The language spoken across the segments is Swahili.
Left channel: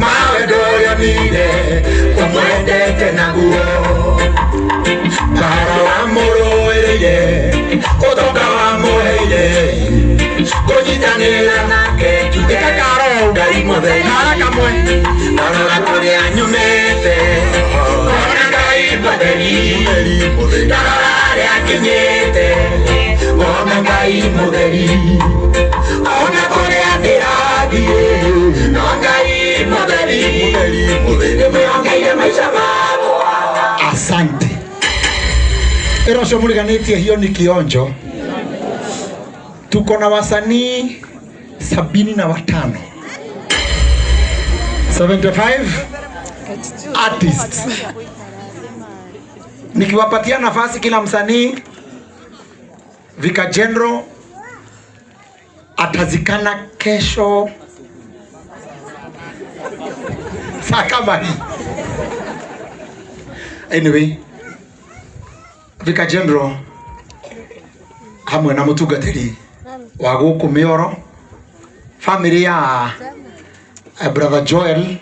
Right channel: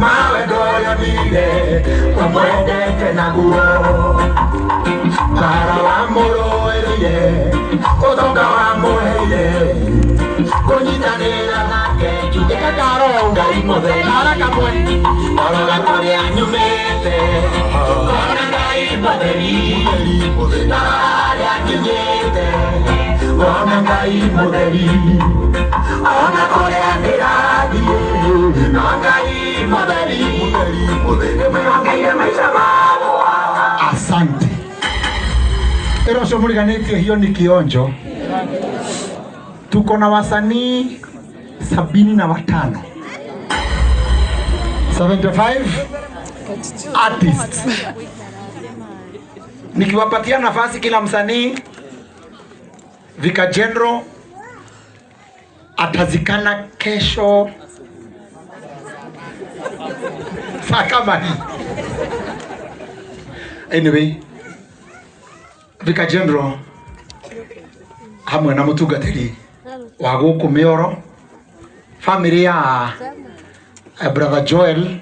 Mawe doya mide omwende tenaguo para la moro eye otoka wa moeye konyitanela nake tuka karo ngai modei haraka mwe para la kore anyumete ona ngai modei modei dare akinyete ona ngai modei ona kore adiradi ngai modei asante. Ero shomuriganeti hiyo ni kionjo. Tuko na wasanii 75 artists. Nikiwapatia nafasi kila msanii, Vika General atazikana kesho sakabani. Anyway, Vika General hamwe na mutugatiri wa guku Mioro, family ya brother Joel,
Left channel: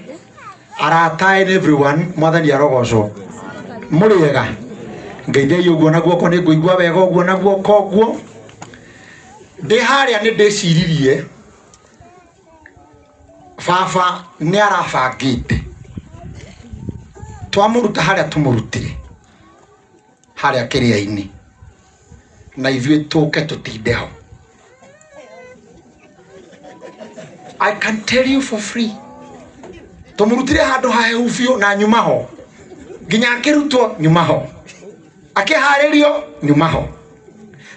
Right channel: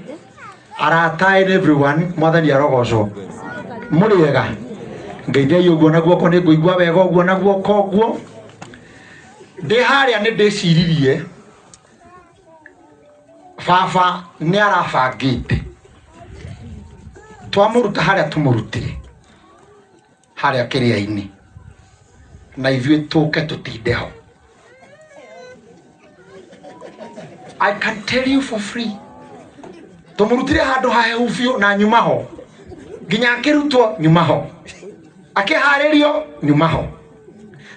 arata and everyone more than yarogoco muriega ngeithia yugo na guoko ni nguigua wega uguo na guoko uguo ndi haria ni ndiciririe baba ni arabangite twamuruta haria tumurutire haria kiria-ini na ithuĩ tũke tũtinde ho. I can tell you for free, tumurutire handu hahehu biũ na nyuma ho nginya akĩrutwo nyuma ho akĩharĩrio nyuma ho,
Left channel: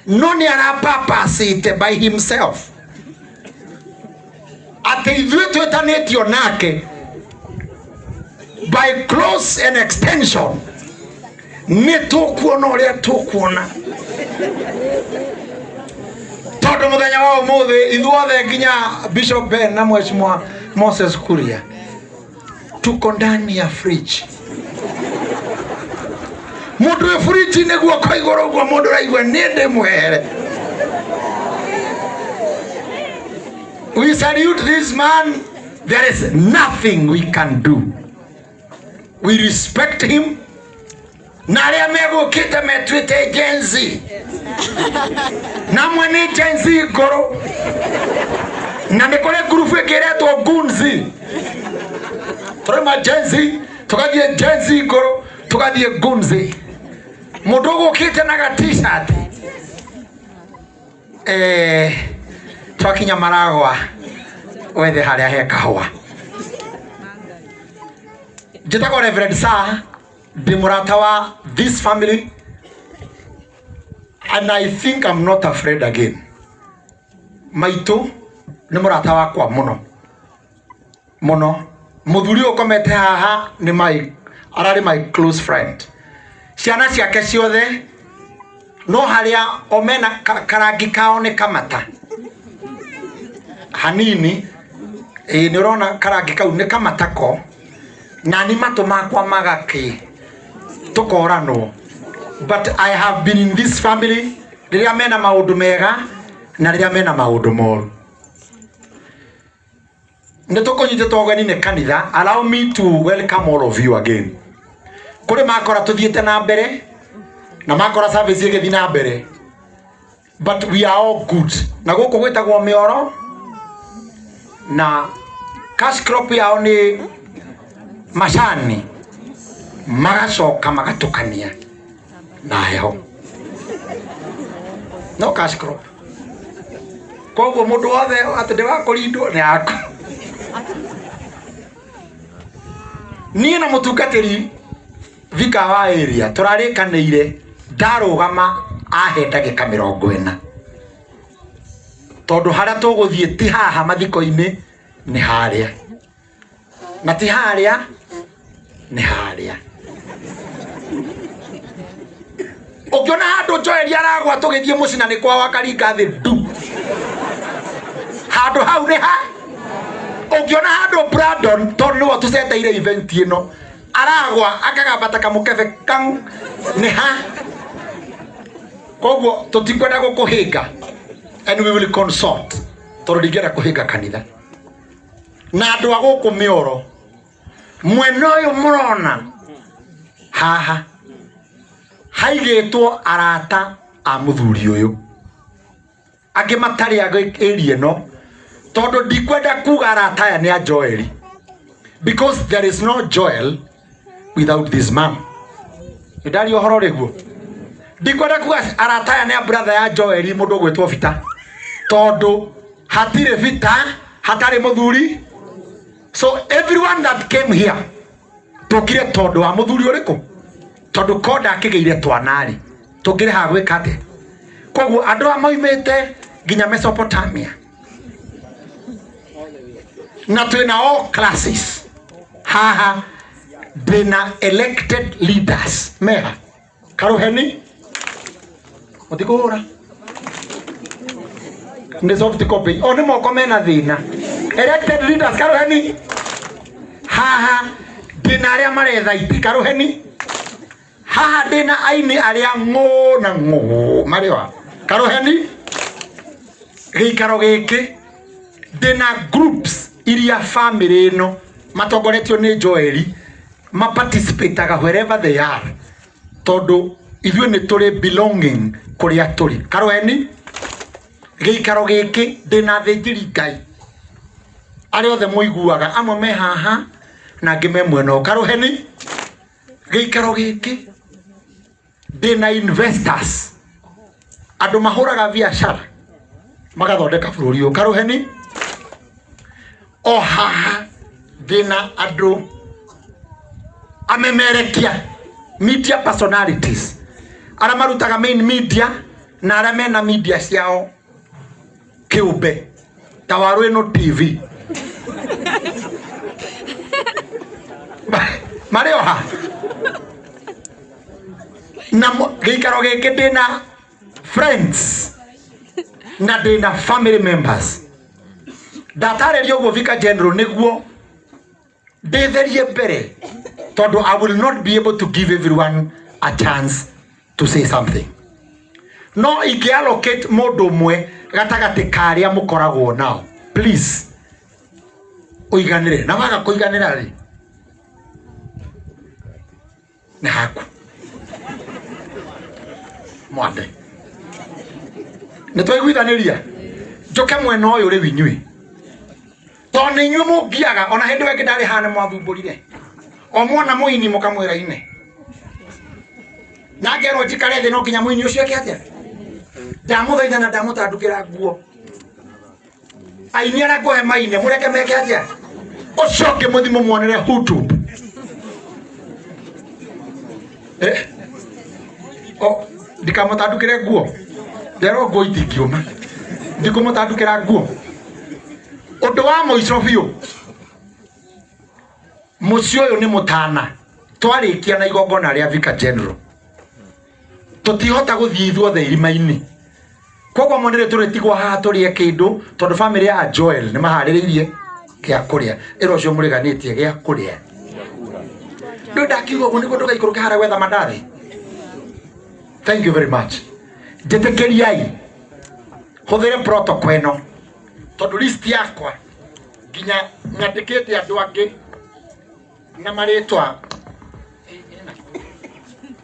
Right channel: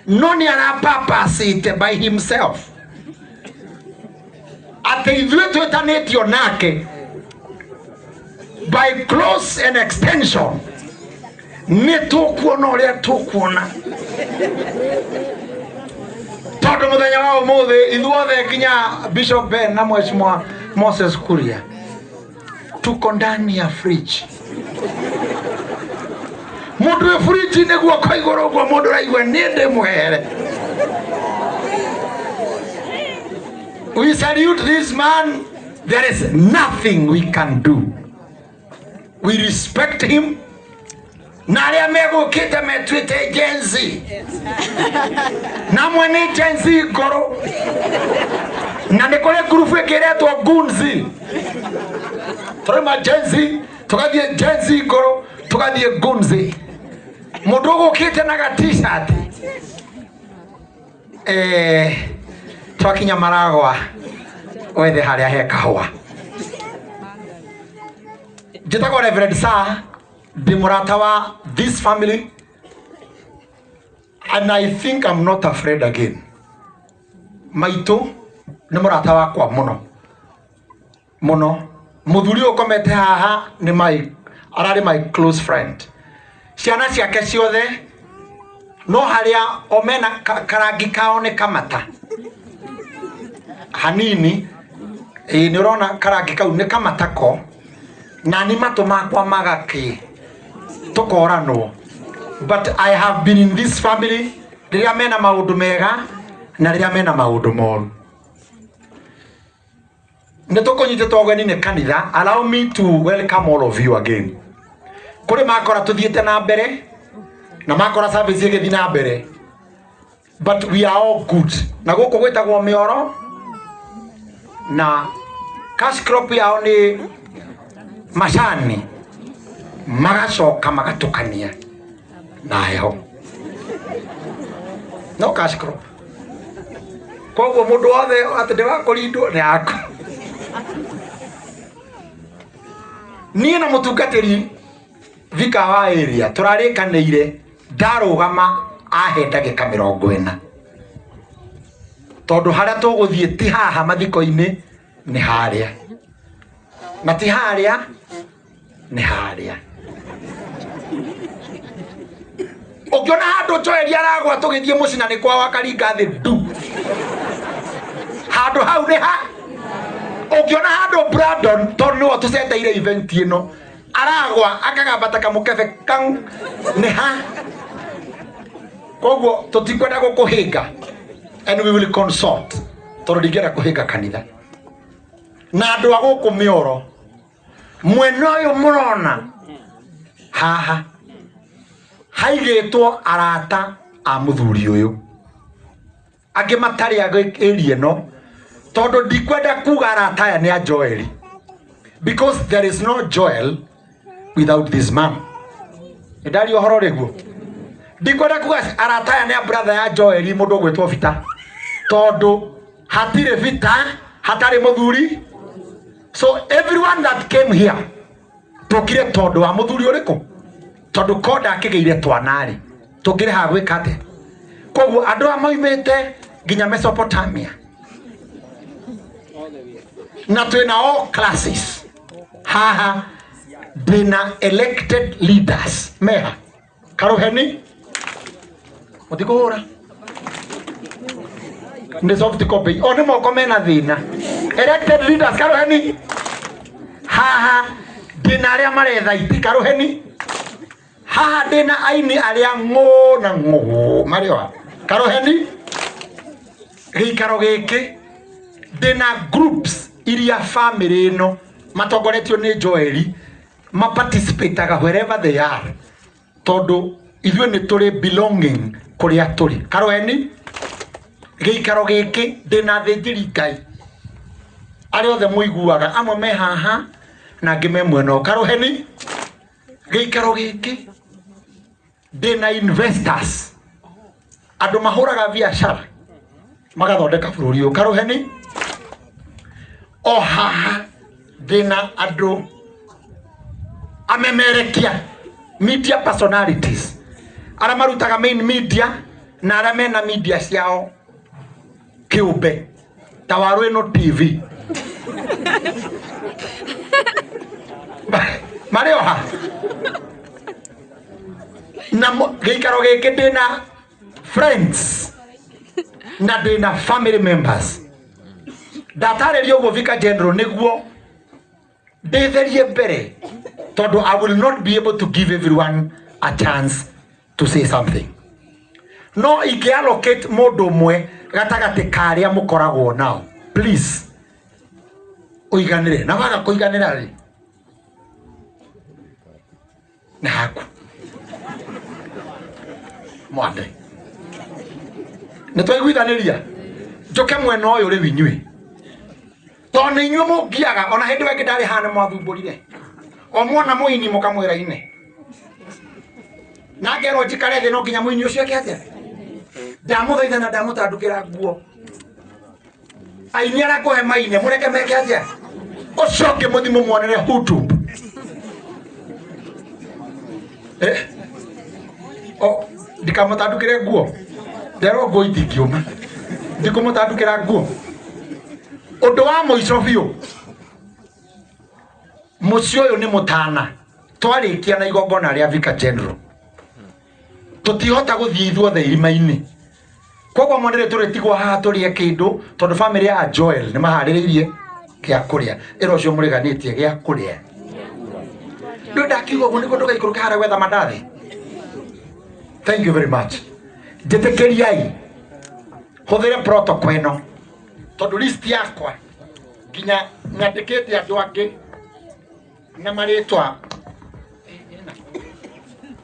no nĩ arapapacĩte by himself atĩ ithuĩ twĩtanĩtio nake by close and extension nĩ tũkuona ũrĩa tũkuona tondu muthenya wa umuthi ithuothe nginya Bishop Ben na Mheshimiwa Moses Kuria tuko ndani ya fridge. Mundu ya fridge ni guoko iguru gwa mundu raigua ni ndi muhere. We salute this man. There is nothing we can do. We respect him. Na aria megukite metwite Gen Z na mwene Gen Z ngoro na nikore group ikiretwo Gunzi turima Gen Z tugathie Gen Z ngoro tugathie Gunzi mundu gukite na ga t-shirt twakinya Maragwa wethe haria he kahwa njitagwo Reverend Sir Bimuratawa, this family, and I think I'm not afraid again. Maito ni muratawa kwa muno muthuri ukomete haha ni arari my close friend. Ciana ciake ciothe no haria omena karangi kao ni kamata hanini ni urona karangi kau ni kamata ko na ni matu makwa magaki tukorano. But I have been in this family riria mena maundu mega na riria mena maundu moru. Nitukunyititwo ũgeni ni kanitha. Allow me to welcome all of you again. Kuri makora tuthiete na mbere na makora service igithi na mbere, but we are all good. Na guku gwitagwo Mioro na cash crop yao ni macani magacoka magatukania na heho no cash crop. Koguo mundu wothe ati ndigakurindwo ni aku. Niĩ na mutungatĩri Vika wa area turarikanĩire ndarugama ahe ndagĩka 40 tondu haria tuguthie ti haha mathiko-ini ni haria na ti haria ni haria. Ukiona handu Joel aragwa tugithie mucina ni kwa wakaringa thi du handu hau ni ha. Ukiona handu Brandon tondu niwe tuceteire event ino aragwa akagambata kamukebe kang ni ha. Koguo tutikwenda gukuhinga and we will consult tondu ndingĩenda kuhinga kanitha na andu a guku mioro mwena uyu murona haha haigĩtwo arata a muthuri uyu angĩ matari agĩria no tondu ndikwenda kuga arata aya ni a Joel because there is no Joel without this man. Ndari ohoro riguo ndikwenda kuga arata aya ni a brother ya Joel mundu gwitwo Vita tondu hatire Vita hatari muthuri. So everyone that came here tukire tondu wa muthuri uriku tondu koda akigeire twanari tukire ha gwika ate. Koguo andu a moimite nginya Mesopotamia na twina all classes haha ndina elected leaders meha karuheni otikuhura ndi soft copy oni moko mena thina elected leaders karuheni haha ndina aria maretha iti karuheni haha ndina aini aria ng'o na ng'o mariwa karuheni gikaro giki ndina groups iria family ino matongoretio ni Joel ma participate wherever they are tondu ithuĩ nĩ tũrĩ belonging kũrĩa tũrĩ karuheni gĩikaro gĩkĩ ndĩna thĩnjĩri Ngai arĩa othe mũiguaga amwe me haha na angĩ me mwena karuheni gĩikaro gĩkĩ ndĩna investors andũ mahũraga biacara magathondeka bũrũri ũyũ karuheni o haha ndĩna andũ amemerekia media personalities ara marutaga main media na ara mena media ciao kiumbe tawaru ino TV Mario ha na gikaro giki ndina friends na ndina family members ndatarerio guo Vicar General niguo ndetherie mbere tondu I will not be able to give everyone a chance to say something. No ikiallocate mundu umwe gatagati karia mukoragwo nao please uiganire na waga kuiganira ri na haku mwande nitwaiguithaniria njoke mwena uyu ri winyui toni nyu mugiaga ona hindi weke ndari hana mwathumburire o mwana muini mukamwira ine na ngero njikare thi no nginya muini ucio eke atia ndamuthaitha na ndamutandukira nguo aini arakuhe maine mureke meke atia ucoke muthimo muonere hutu ndikamutandukire nguo ndero nguo itingiuma ndikumutandukira nguo undu wa muico biu mucio uyu ni mutana twarikia na igongona ria Vicar General tutihota guthie ithuothe irima-ini koguo monere turitigwo haha turie kindu tondu family ya Joel ni mahaririirie kia kuria iro cio muriganitie gia kuria ndu ndakiuga uguo niguo ndugaikũrũke hara gwetha mandathi. Thank you very much. Njetekeriai huthire protocol ino tondu list yakwa nginya nyandikite andu angi na maritwa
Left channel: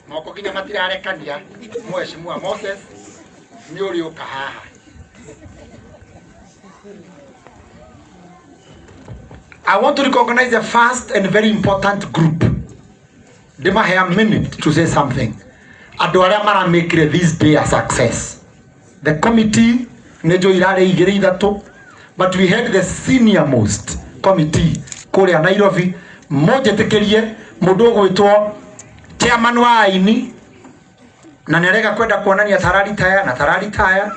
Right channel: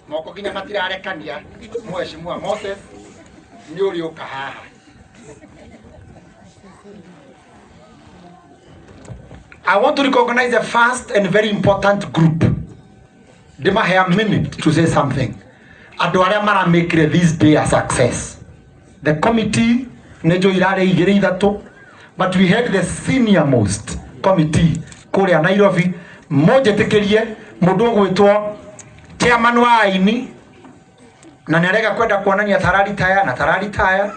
moko nginya matirarekania Mheshimiwa Moses ni uri uka haha. I want to recognize the first and very important group. They might have a minute to say something. Andu aria mara make this day a success. The committee nejo irare igire ithatu, but we had the senior most committee kuria Nairobi mojetekerie mundu gwitwo chairman wa aini na nerega kwenda kuonania tharari taya na tharari taya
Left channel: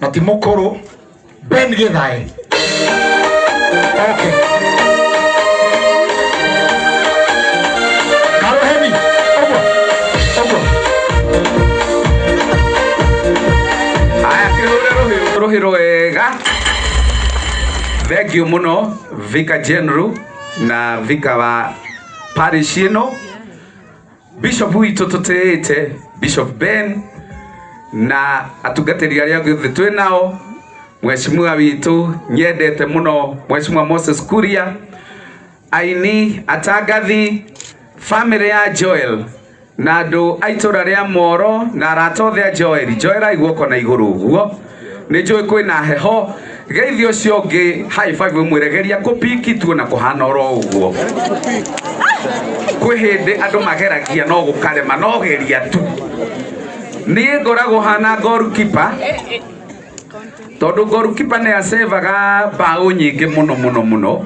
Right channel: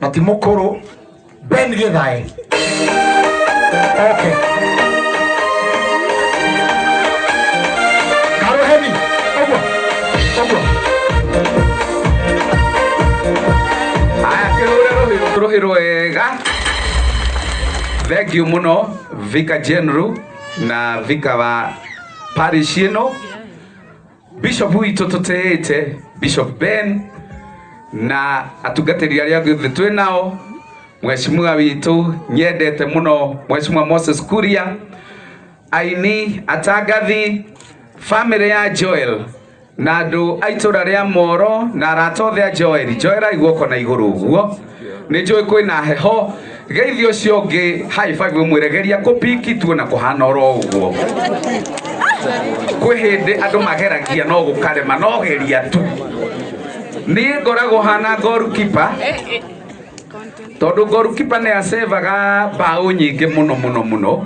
na ti mukuru Ben Githae. Okay. Karoheni. Ogo. Aya Rohiro wega. Thank you muno Vicar General na Vicar wa parish ino. Bishop witu tutete Bishop Ben na atugatĩri arĩa othe twĩ nao, Mheshimiwa witu nyendete muno Mheshimiwa Moses Kuria, aini atangathi, family ya Joel na andũ aitura rĩa Moro na aratothe a Joel aiguoko na igũrũ ũguo. Nĩ njũĩ kwĩna heho, geithio ũcio ũngĩ high five mwĩregeria kũpiki tu na kũhana oro ũguo. Kwĩ hĩndĩ andũ mageragia no gũkarema no geria tu. Niĩ ngoragwo hana goalkeeper, tondũ goalkeeper nĩ acevaga mbaũ nyingĩ mũno,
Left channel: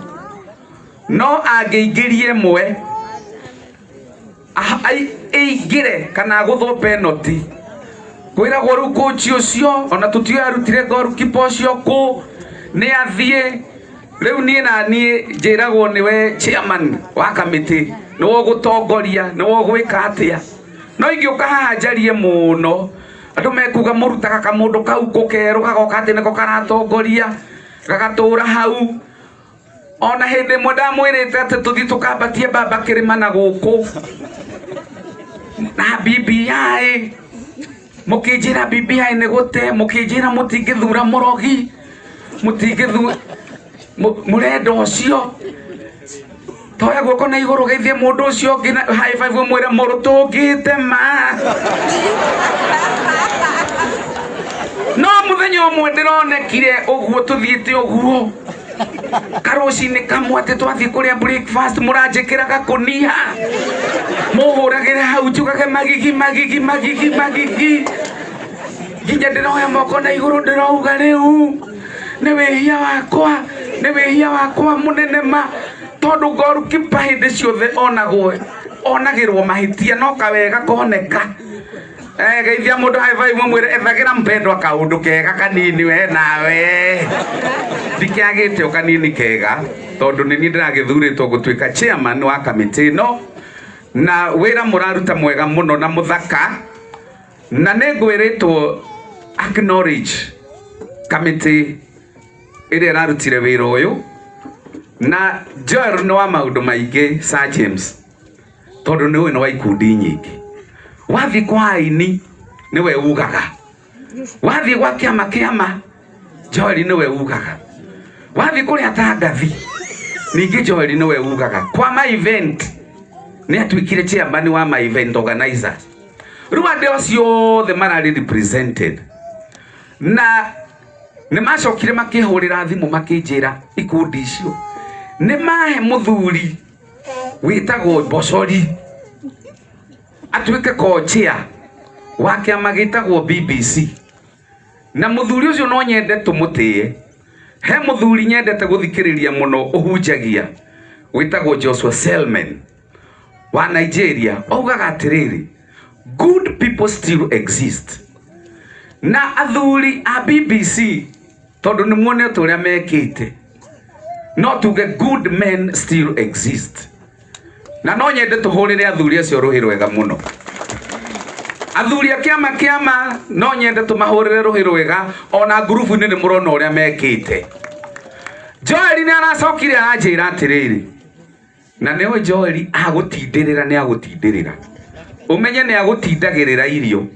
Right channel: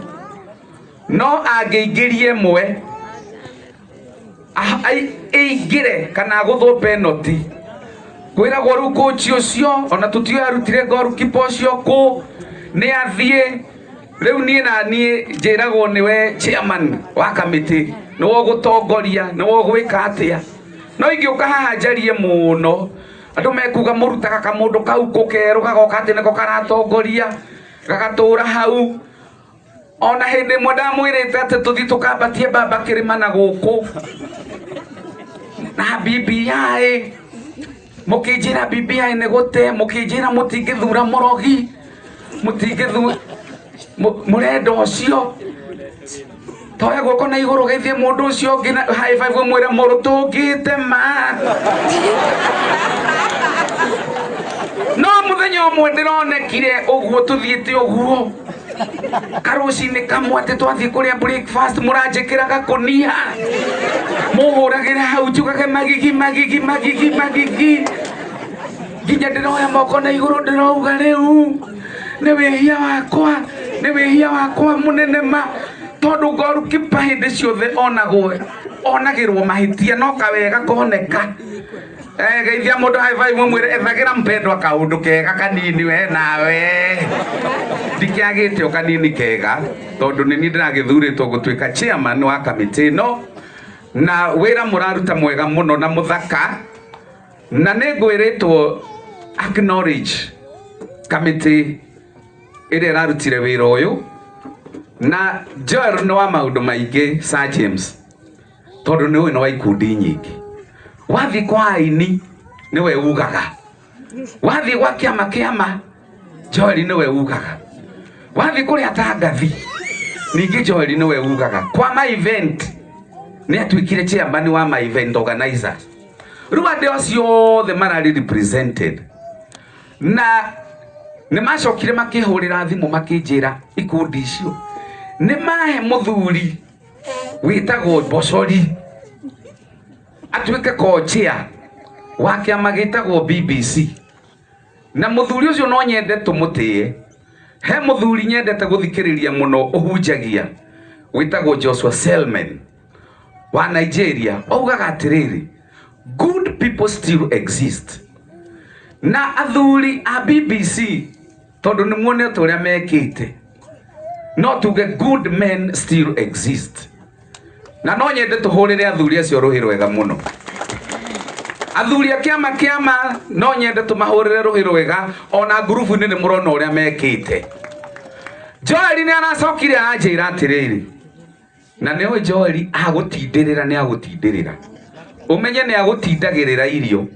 no angĩingĩrie ĩmwe aingĩre kana gũthwo penalty, kwĩragwo rĩu coach ũcio ona tũtio arutire goalkeeper ũcio kũ nĩ athiĩ rĩu niĩ njĩragwo nĩwe chairman wa kamĩtĩ, nĩwe gũtongoria, nĩwe gwĩka atĩa. No ingĩũka haha njarie mũno andũ mekuga mũrutaga kamũndũ kau kũkerũ gagoka atĩ nĩko karatongoria gagatũra hau. Ona hĩndĩ ĩmwe ndamwĩrĩte atĩ tũthiĩ tũkambatie mbamba kĩrĩma na gũkũ na BBI, mũkĩnjĩra BBI nĩ gũte, mũkĩnjĩra mũtingĩthura mũrogi, mũtingĩthura mũrenda ũcio. Toya guoko na igũrũ geithie mũndũ ũcio ũngĩ na high five mwĩre mũrũ tũngĩte ma. No mũthenya ũmwe ndĩronekire ũguo tũthiĩte ũguo karũcinĩ kamwe atĩ twathiĩ kũrĩa breakfast mũranjĩkĩra gakũnia mũhũragĩre hau njugage magigi nginya ndĩroya moko na igũrũ ndĩrauga rĩu nĩ wĩhia wakwa mũnene ma, tondũ goalkeeper hĩndĩ ciothe onagĩrwo mahĩtia no kawega koneka. Geithia mũndũ high five mwĩre ethagĩra mpendwa kaũndũ kega kanini we nawe. Ndikĩagĩte o kanini kega tondũ nĩ niĩ ndĩragĩthurĩtwo gũtuĩka chairman wa kamĩtĩ ĩno, na wĩra mũraruta mwega mũno na mũthaka, na nĩ ngwĩrĩtwo acknowledge kamĩtĩ ĩrĩa ĩrarutire wĩra ũyũ. Na Joel nĩ wa maũndũ maingĩ Sir James, tondũ nĩ ũyũ nĩ wa ikundi nyingĩ. Wathiĩ kwa aini nĩwe ugaga, wathiĩ gwa kĩama Joel nĩwe ugaga, wathiĩ kũrĩa atangathi ningĩ Joel nĩwe ugaga. Kwa ma event nĩ atuĩkire chairman wa ma event organizer. Rĩu andũ acio othe mararĩ represented, na nĩ macokire makĩhũrĩra thimũ makĩnjĩra ikundi icio nĩ mahe mũthuri wĩtagwo Bosori atuĩke co-chair wa kĩama gĩtagwo BBC. Na mũthuri ũcio no nyende tũmũtĩe. He mũthuri nyendete gũthikĩrĩria mũno ũhunjagia wĩtagwo Joshua Selman wa Nigeria. Augaga atĩrĩrĩ, good people still exist. Na athuri a BBC tondũ nĩ muonete ũrĩa mekĩte, no tuge good men still exist. Na no nyende tũhũrĩre athuri acio rũhĩ rwega mũno. Athuri a kĩama no nyende tũmahũrĩre rũhĩ rwega, ona ngurubu-inĩ nĩ mũrona ũrĩa mekĩte. Joel nĩ aracokire anjĩra atĩrĩrĩ, na nĩo Joel agũtindĩrĩra nĩ agũtindĩrĩra. Ũmenye nĩ agũtindagĩrĩra irio.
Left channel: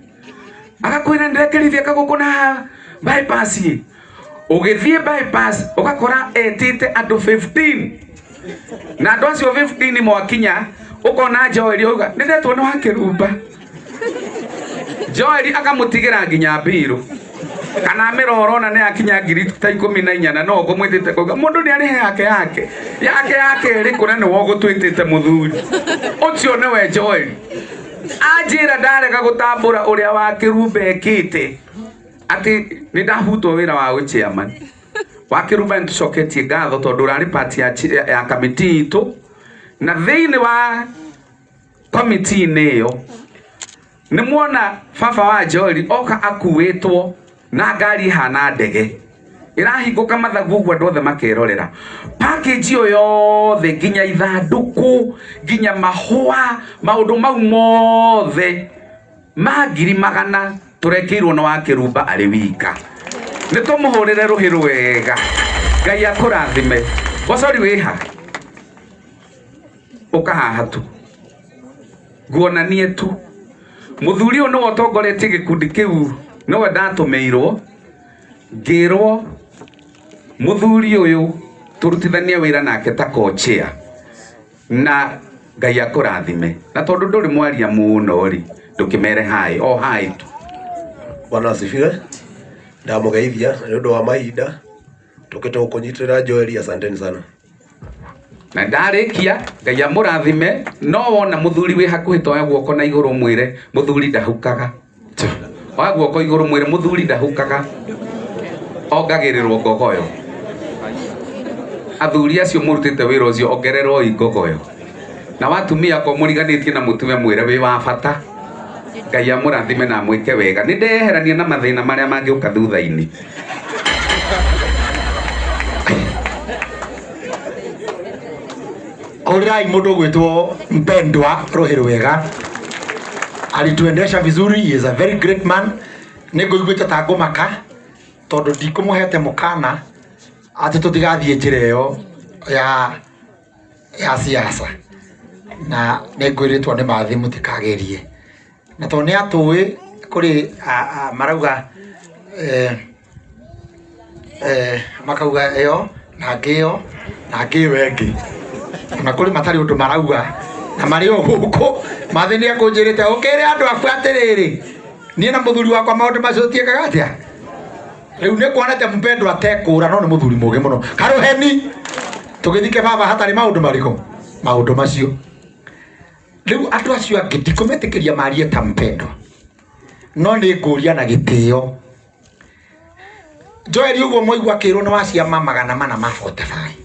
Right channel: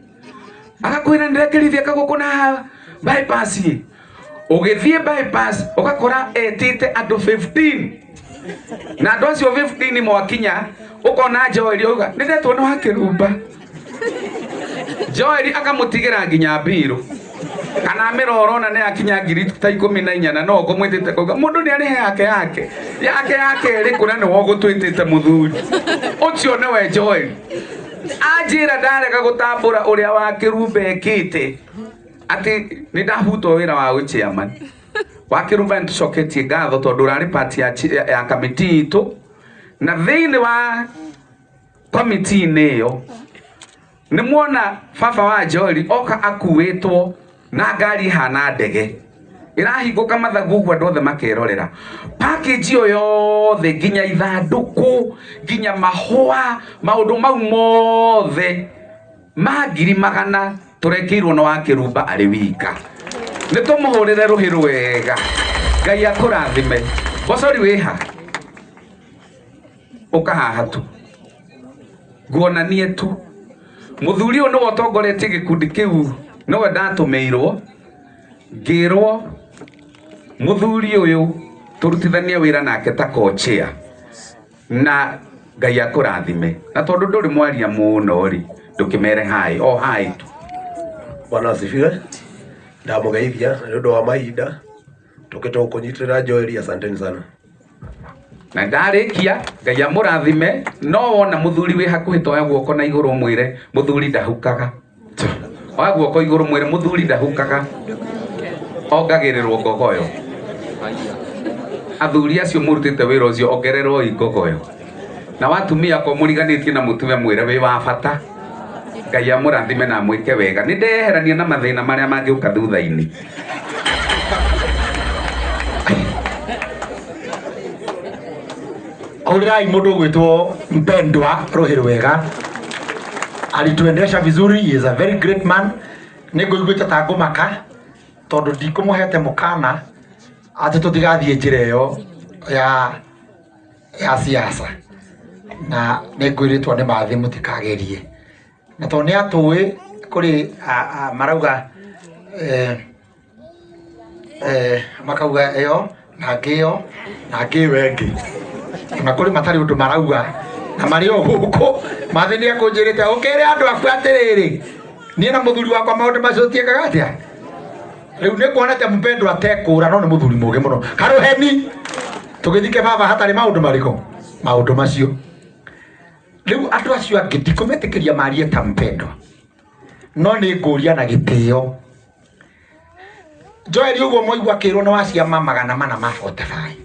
Agakwĩra ndĩrekerithia kagũkũ na bypass ye. Ũgĩthiĩ bypass ũgakora etĩte andũ 15. Na andũ acio 15 mwakinya ũkona Joel auga nĩndetwo no hakĩrumba. Joel akamũtigĩra nginya mbirũ. Kana mĩroro na nĩ akinya ngiri ta 14 na no ngũmwĩtĩte kuga mũndũ nĩ arĩ yake ĩrĩ kũna nĩ wogũtwĩtĩte mũthuri. Ũcio nĩwe Joel. Anjĩra ndarega gũtambũra ũrĩa wa kĩrumba ekĩte atĩ nĩ ndahutwo wĩra wa chairman wa kĩrumba. Nĩ tũcoketie ngatho tondũ ũrarĩ part ya kamĩtĩ itũ, na thĩinĩ wa kamĩtĩ-inĩ ĩyo nĩ muona baba wa Joel oka akuĩtwo na ngari hana ndege irahingũka mathagu ũguo andũ othe makerorera. Package yo yothe nginya ithanduku nginya mahũa maũndũ mau mothe ma 100,000 tũrekĩirwo na wa Kĩrumba arĩ wika. Nĩtũmũhũrĩre rũhĩ rwega. Ngai akũrathime. Bocori wĩha ũkahaha tu nguonanie tu mũthuri ũyũ nĩwe ũtongoretie gĩkundi kĩu, nĩwe ndatũmĩirwo ngĩrwo mũthuri ũyũ tũrutithanie wĩra nake ta co-chair, na Ngai akũrathime. Na tondũ ndũrĩ mwaria mũno rĩ ndũkĩmere hai o hai tu. Bwana asifiwe. Ndamugeithia nĩ ũndũ wa mahinda tũkĩte gũkũnyitĩrĩra Joel, asanteni sana. Na ndarĩkia Ngai amũrathime. No wona mũthuri wĩ hakuhĩ toya guoko na igũrũ mwĩre mũthuri ndahukaga. Oya guoko igũrũ mwĩre mũthuri ndahukaga. Ongagĩrĩrwo ngogoyo. Athuri acio mũrutĩte wĩra ũcio ongererwo ngogoyo. Na watumia ko mũriganĩtie na mũtumia mwĩre wĩ wa bata. Ngai amũrathime na mwĩke wega. Nĩ ndeherania na mathĩna marĩa mangĩũka thutha-inĩ. Urirai mundu gwitwo Mpendwa Ruhi Rwega alituendesha vizuri. He is a very great man. Nĩngũiguĩte ta ngũmaka tondũ ndikũmũhete mũkana atĩ tũtigathiĩ njĩra ĩyo ya siasa, na nĩngwĩrĩtwo nĩ mathi mũtikagerie, na tondũ nĩ atũĩ kũrĩ marauga makauga ĩyo na ngĩyo na ngĩyo ĩngĩ, na kũrĩ matarĩ ũndũ marauga na marĩ o gũkũ. Mathi nĩ akũnjĩrĩte ũkĩrĩ andũ aku atĩrĩrĩ niĩ na mũthuri wakwa maũndũ macio tiekaga atĩa. Rĩu nĩ kuonete Mpendwa atekũra no nĩ mũthuri mũũgĩ mũno. Karũheni tũgĩthike baba hatarĩ maũndũ marĩkũ maũndũ macio. Rĩu andũ acio angĩ ndikũmetĩkĩria marie ta Mpendwa, no nĩ ngũria na gĩtĩo. Joel ũguo mwaigua kĩrwo nĩ wa ciama 445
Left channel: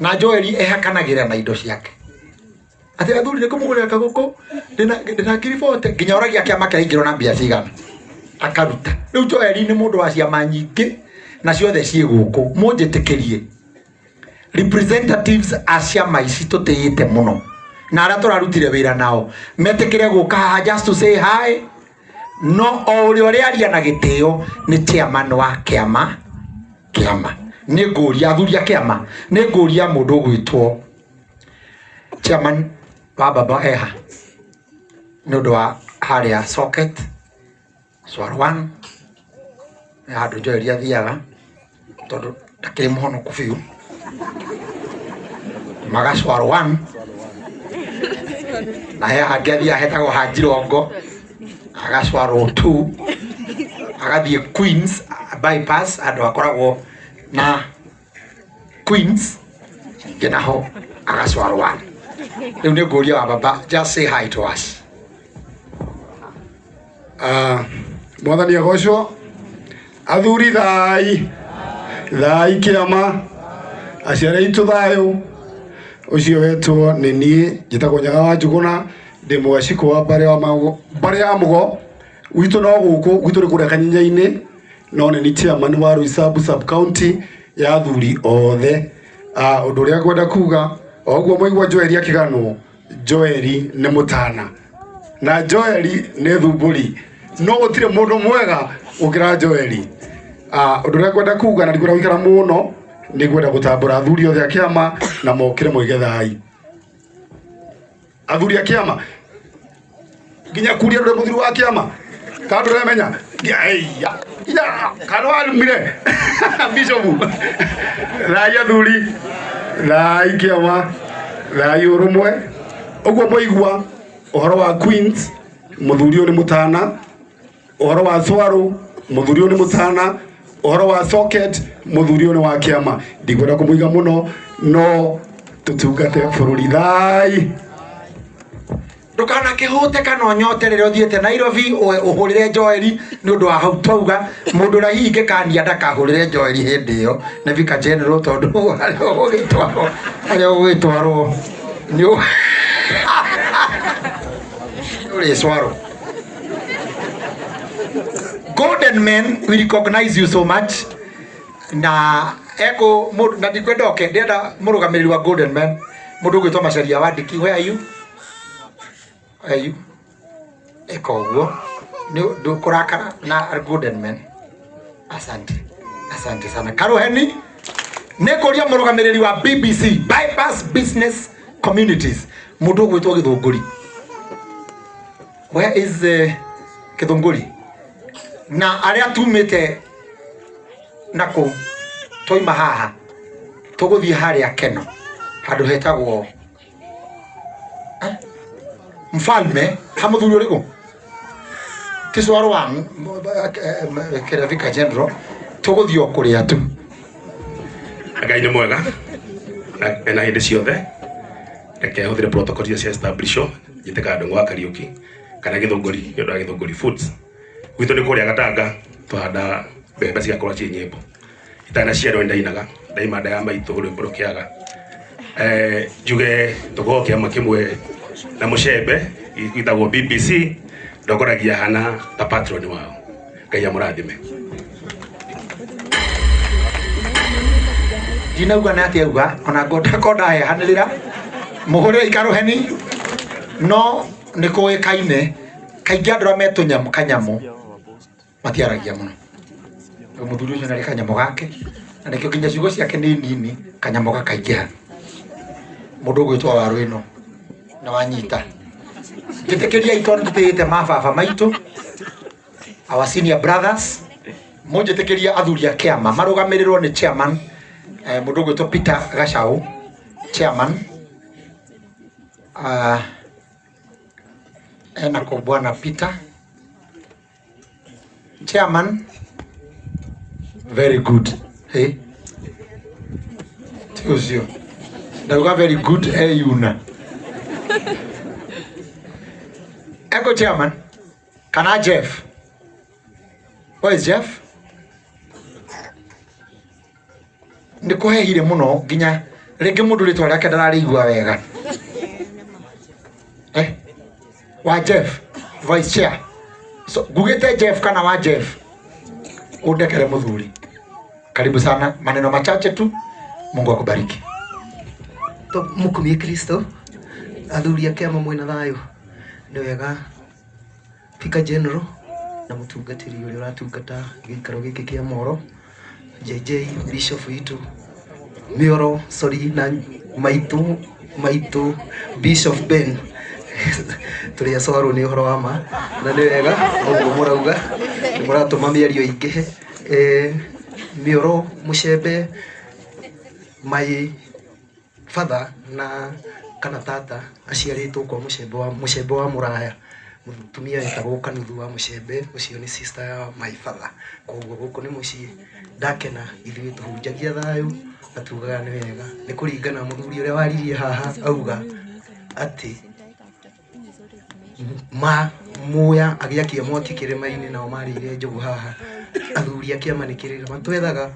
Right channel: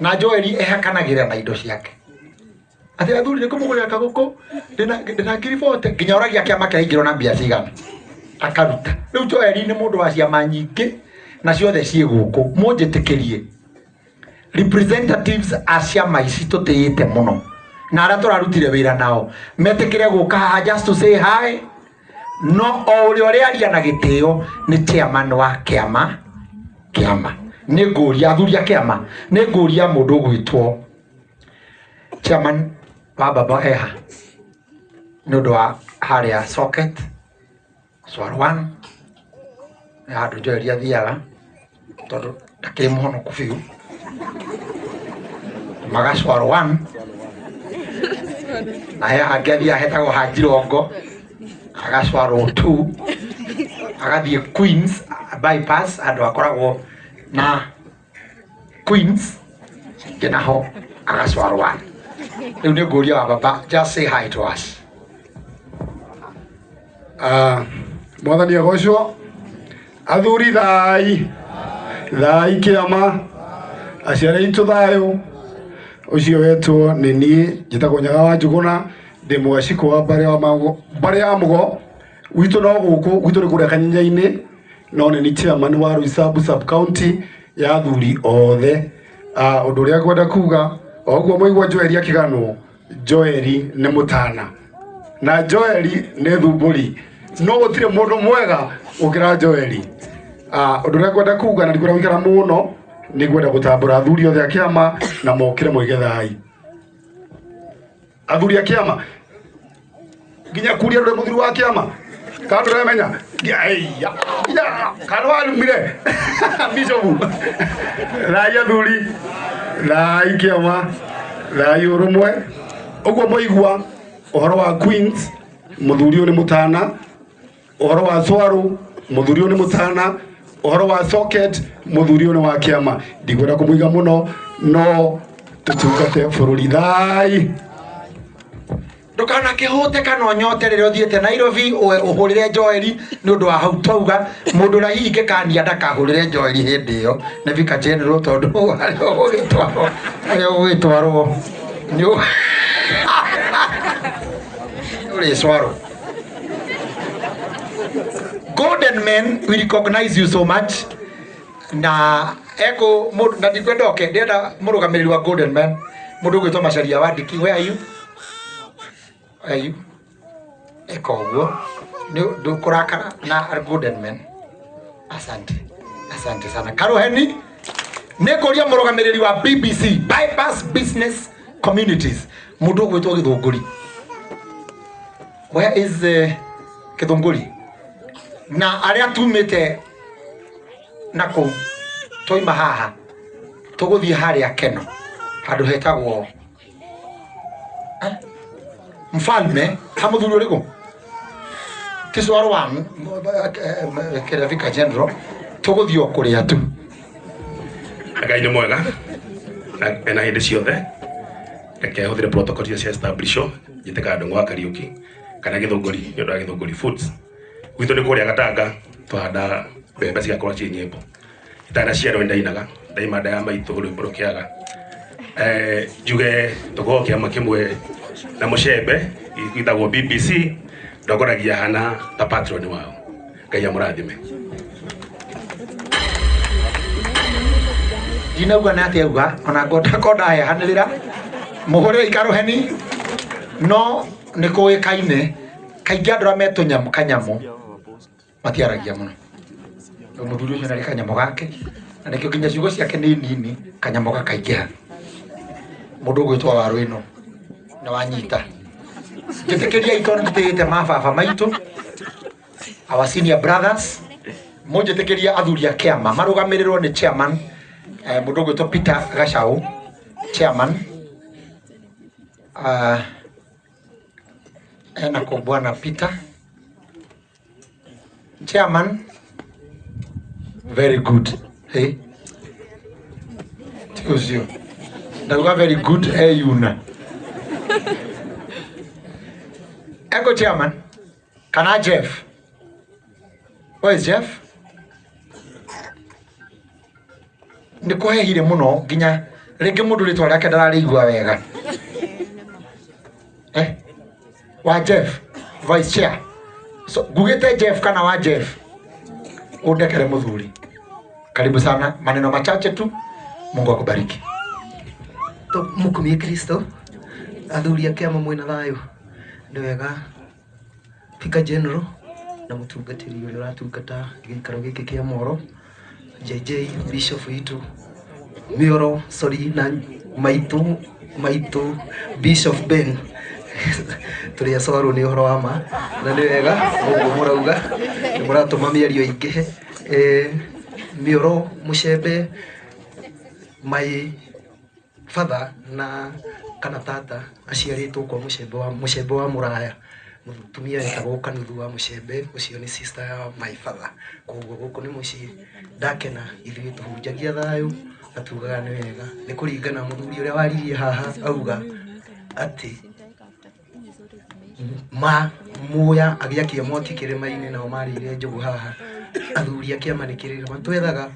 na Joel ehakanagĩra na indo ciake. Ati athuri nĩkũmũgũrĩra kagũkũ ndĩna ngiribote nginya oragia kĩama kĩraingĩrwo na mbia cigana akaruta. Rĩu Joel nĩ mũndũ wa ciama nyingĩ na ciothe ciĩ gũkũ. Mũnjĩtĩkĩrie representatives a ciama ici tũtĩĩte mũno na arĩa tũrarutire wĩra nao metĩkĩre gũka haha just to say hi. No o ũrĩa aria na gĩtĩo nĩ chairman wa kĩama. Nĩ ngũria athuri a kĩama, nĩ ngũria mũndũ ũgwĩtwo chairman wa baba eha nĩ ũndũ wa harĩa socket Swarwan ya handũ Joel athiaga tondũ ndakĩrĩ mũhonoku biũ maga Swarwan na he hangĩ athiaga hetagwo Hajirongo agatwarwo 2 agathiĩ Queens bypass andũ akoragwo na Queens naho agatwarwo. Rĩu nĩ ngũria wa baba just say hi to us. Mwathani agocwo. Athuri thai kĩama, aciari aitũ thayũ. Ũcio wetwo nĩ niĩ njĩtagwo Nyaga wa Njuguna, ndĩ mũgaciko wa mbarĩ ya Mũgo. Gwitũ no gũkũ, gwitũ nĩ kũrĩa Kanyinya-inĩ, no nĩ ni chairman wa Roysambu sub county ya athuri othe. Ũndũ ũrĩa ngwenda kuga o ũguo mwaigua Joel akĩganwo, Joel nĩ mũtana na Joel nĩ thumbũri, no gũtirĩ mũndũ mwega gũkĩra Joel. Ũndũ ũrĩa ngwenda kuga na ndikwenda gũikara mũno, nĩ ngwenda gũtambũra athuri othe a kĩama na mokĩre moige thai. Athuri a kĩama nginya kuria ũrĩa mũthuri wa kĩama tondũ ũremenya kana warumire bishopu thai athuri thai kĩama thai ũrũmwe. Ũguo mwaigua ũhoro wa Queens mũthuri ũyũ nĩ mũtana, ũhoro wa Swaru mũthuri ũyũ nĩ mũtana, ũhoro wa socket mũthuri ũyũ nĩ wa kĩama. Ndikwenda kũmũiga mũno no tũtungate bũrũri thai. Ndũkana kĩhũte kana ũnyote rĩrĩa ũthiĩte Nairobi ũhũrĩre Joel nĩ ũndũ wa hau twauga mũndũ ũrĩa hihi ingĩkania ndakahũrĩre Joel hĩndĩ ĩyo nĩ Vicar General tondũ harĩa ũgĩtwarwo nĩ ũrĩ Swaro. Golden Men, we recognize you so much. Na eko na ndikwenda oke ndenda murugamiri wa Golden Men mundu gwitwa Macharia Wandiki. Where are you? Are you? Eko guo ni ndukurakara na Golden Men. Asante sana. Karuheni nikuria murugamiriri wa BBC Bypass Business Communities mundu gwitwa Githunguri. Where is Githunguri? Na aria tumite nako toima haha tuguthie haria Keno handu hetagwo Mfalme hamuthuri uriku tiswaro wa Kerevika General tuguthio kuria tu Ngai ni mwega na hindi ciothe reke huthire protocol cia establisho njiteka andũ gwa Kariuki kana Githunguri nĩ ũndũ wa Githunguri Foods gwitũ nĩ kũrĩa Gatanga twahanda mbembe ciakũra ciĩ nyĩmbo itana ciarwo ndainaga ndaima nda ya maitũ ũrĩ mũrũkĩaga njuge tũkorwo kĩama kĩmwe na mũcembe gwĩtagwo BBC ndogoragia hana ta patron wao Ngai amũrathime. Dinauga na atia uga ona ngoda hanĩrĩra mũhũrĩre ikaruheni no nĩ kũĩkaine kaingĩ andũ metũnyamũ kanyamũ matiaragia mũno. Mũthuri ũcio ndarĩ kanyamũ gake na nĩkĩo nginya ciugo ciake nĩ nini kanyamũ gakaingĩha. Mũndũ gwĩtwa Waru ĩno na wanyita gĩtĩkĩria itondĩte mababa maitũ our senior brothers mũnjĩtĩkĩria athuri a kĩama marũgamĩrĩrwo nĩ chairman mũndũ gwĩtwa Peter Gachau chairman ena kwa bwana Peter chairman very good. Hey Tiozio Nauga very good. Hey Yuna Eko chairman kana Jeff. Where is Jeff? Nikuhehire muno nginya rĩngĩ mũndũ rĩtwa rĩake ndararĩigua wega. Wa Jeff vice chair. So gugete Jeff kana wa Jeff udekere muthuri. Karibu sana, maneno machache tu. Mungu akubariki. To mukumie Kristo athuri a kĩama mwĩna thayũ nĩ wega Speaker General na mũtungatĩri ũrĩa ũratungata gĩikaro gĩkĩ kĩa Moro JJ Bishop witũ Mioro na maitũ Bishop Ben tũrĩa cwarwo nĩ ũhoro wa ma na nĩ wega ũguo mũrauga mũratũma mĩario ingĩhe Mioro mũcembe my father na kana tata aciarĩtwo kwa mũcembe wa Mũraya mũtumia wetagwo Kanuthu wa mũcembe ũcio nĩ sister ya my father koguo gũkũ nĩ mũciĩ ndakena ithuĩ tũhunjagia thayũ atugaga nĩ wega nĩ kũringana mũthuri ũrĩa waririe haha auga atĩ muya agĩakia mwaki kĩrĩma-inĩ nao marĩire njogu haha athuri a kĩama nĩ kĩrĩma twethaga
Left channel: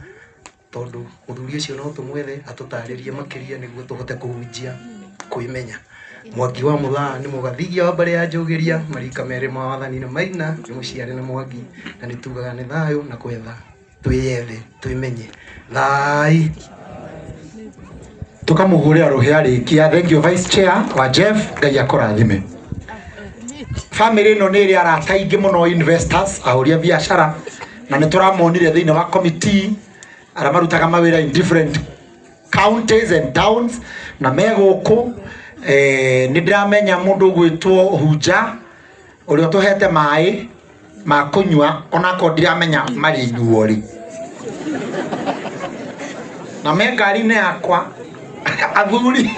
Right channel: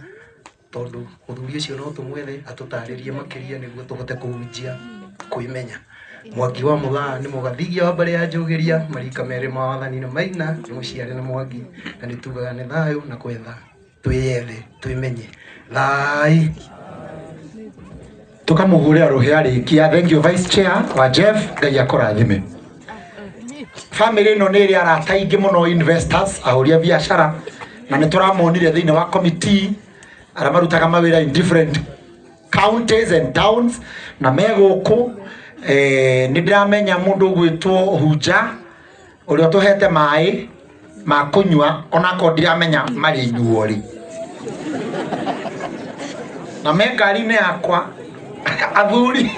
tondu mũthuri ũcio no tũmwethe atũtarĩrie makĩria nĩguo tũhote kũhunjia kwĩmenya. Mwangi wa Mũthaa nĩ mũgathigia wa mbere ya Njũgĩria marika merĩ ma wathani na maina nĩ mũciare na Mwangi na nĩ tugaga nĩ thayũ na kwetha twĩyethe twĩmenye thai tukamũhũrĩra rũhĩa rĩkia. Thank you vice chair wa Jeff, Ngai akũrathime. Family ĩno nĩ ĩrĩ arata aingĩ mũno investors ahũria biacara na nĩ tũramonire thĩinĩ wa committee arĩa marutaga mawĩra in different counties and towns na megũkũ nĩ ndĩramenya mũndũ gwĩtwo Hunja ũrĩa tũhete maĩ ma kũnyua onako ndiramenya marĩ inyuo rĩ na me ngari-inĩ yakwa athuri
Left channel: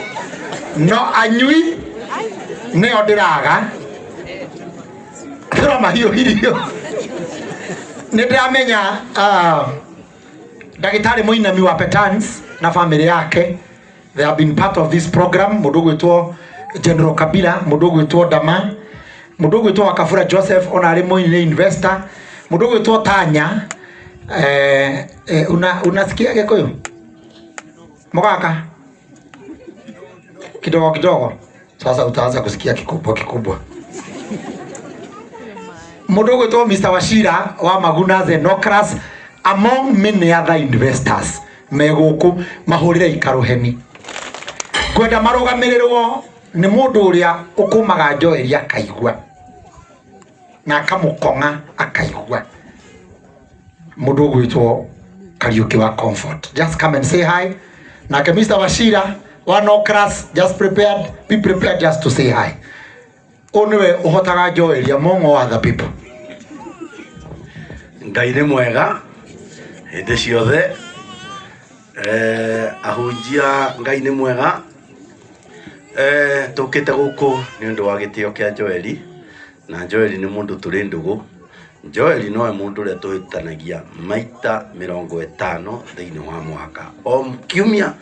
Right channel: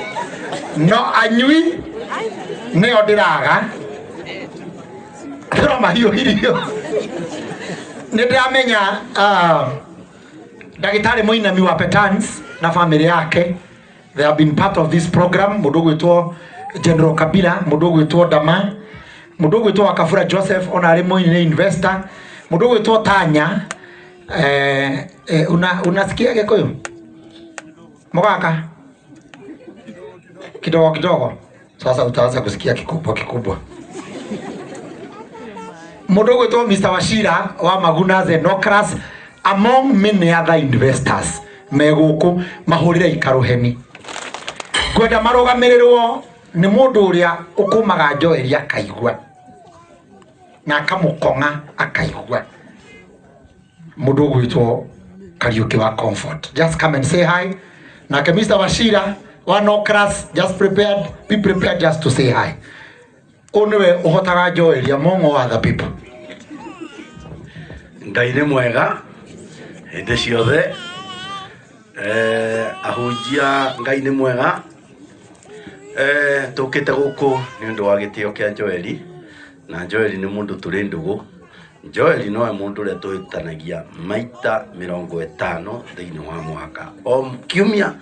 no anyui nĩo ndĩraga tũramahiũhirio nĩ ndĩramenya Ndagĩtarĩ Mũinami wa Petans na family yake they have been part of this program. Mũndũ gwĩtwo General Kabila, mũndũ gwĩtwo Dama, mũndũ gwĩtwo Wakabura Joseph ona arĩ mũini investor, mũndũ gwĩtwo Tanya unasikia Gĩkũyũ Mũgaka kidogo sasa utaanza kusikia kikubwa Mundu gwitwo Mr. Wachira wa Maguna Zenocras among many other investors meguku mahurire ikaruheni. Kwenda marugamirirwo ni mundu uria ukumaga Joel akaigua na akamukonga akaigua. Mundu gwitwo Kariuki wa Comfort. Just come and say hi. Na ke Mr. Wachira wa Nocras, just be prepared just to say hi. Onwe uhotaga Joel among all other people. Ngai nĩ mwega hĩndĩ ciothe. Ahunjia Ngai nĩ mwega. Tũkĩte gũkũ nĩ ũndũ wa gĩtĩo kĩa Joel, na Joel nĩ mũndũ tũrĩ ndũgũ. Joel nowe mũndũ ũrĩa tũhĩtanagia maita 50 thĩinĩ wa mwaka. O kiumia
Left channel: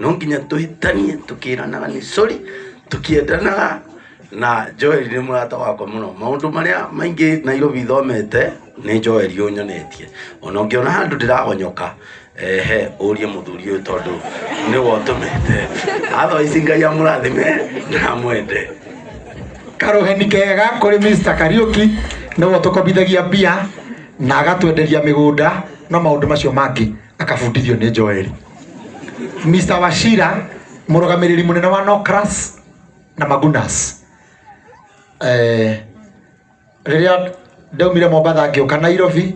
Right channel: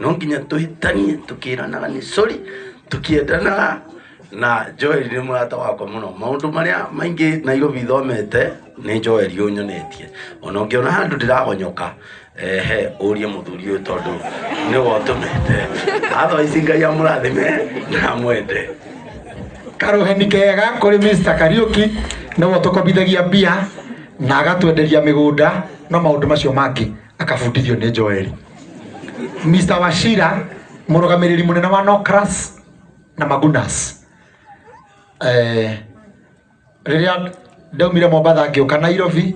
no nginya tũhĩtanie tũkĩranaga nĩ sorry tũkĩendanaga, na Joel nĩ mũrata wakwa mũno. Maũndũ marĩa maingĩ Nairobi thomete nĩ Joel ũnyonetie. Ona ũngĩona handũ ndĩragonyoka ũrie mũthuri ũyũ tondũ nĩ wotũmĩte. Otherwise Ngai amũrathime na mwende. Karuheni kega kuri Mr. Kariuki no tukobithagia bia na agatwenderia migunda na maundu macio mangi akabundithio ni Joel. Mr. Wachira murugamiriri munene wa Nocras na Magunas. Riria ndaumire Mombatha ngioka Nairobi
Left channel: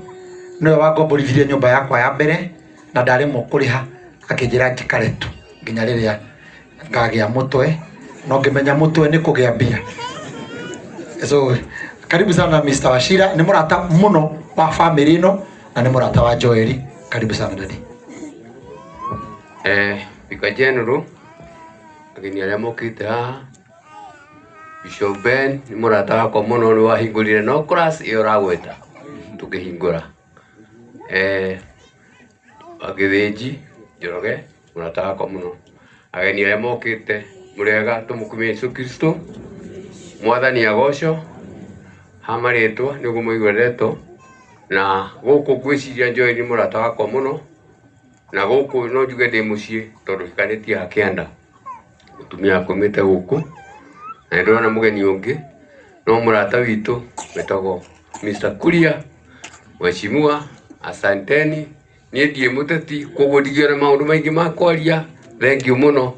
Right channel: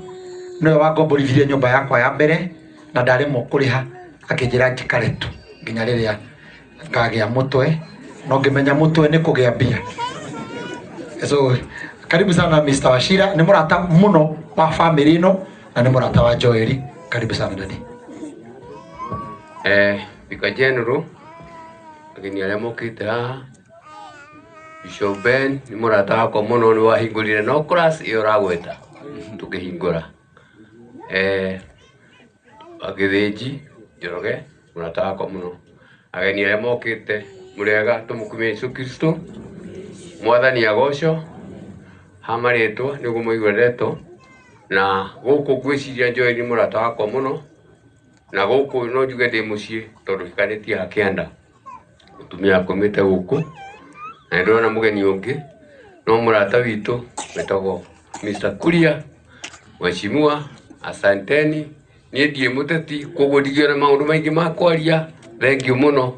niwe wangomborithirie nyumba yakwa ya mbere na ndarimo kuriha akinjira njikaretu nginya riria ngagia mutwe no ngimenya mutwe ni kugia mbia. So karibu sana Mr. Wachira, ni murata muno wa family ino na ni murata wa Joel. Karibu sana dadi. Bika general ageni aria mokite haha, Bishop Ben ni murata wakwa muno, ni wahingurire Nocras iyo ragweta tukihingura. Agithinji Njoroge murata wakwa muno. Ageni aria mokite murega tumukumie Yesu Kristo mwathani agoco hamaritwo niguo muigweretwo, na guku gwiciria Joel ni murata wakwa muno, na guku no njuge ndi mucii tondu ikaritie hakienda utumia akomete guku, na ndona mugeni ungi no murata witu wetagwo Mr. Kuria. Mheshimiwa, asanteni. Ni ndie muteti koguo ndigire maundu maingi ma kwaria. Thank you muno.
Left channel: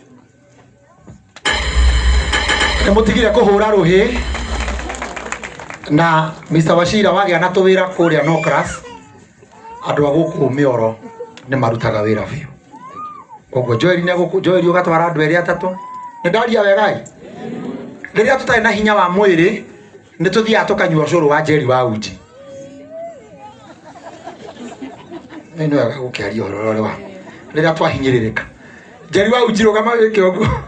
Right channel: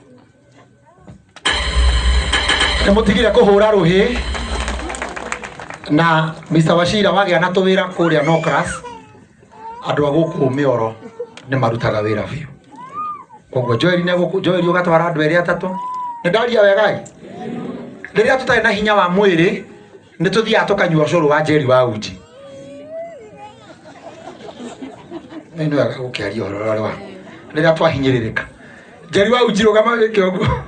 Mutigire kuhura ruhi na Mr. Wachira wagia na tuwira kuria Nocras, andu aguku mioro ni marutaga wira biu. Koguo Joel ugatwara andu eri atatu ni ndaria wegai. Riria tutari na hinya wa mwiri ni tuthia tukanyua curu wa Jerry wa uji. Nino ya gukiaria ororo wa riria twahinyiririka Jerry wa uji rugama wike uguo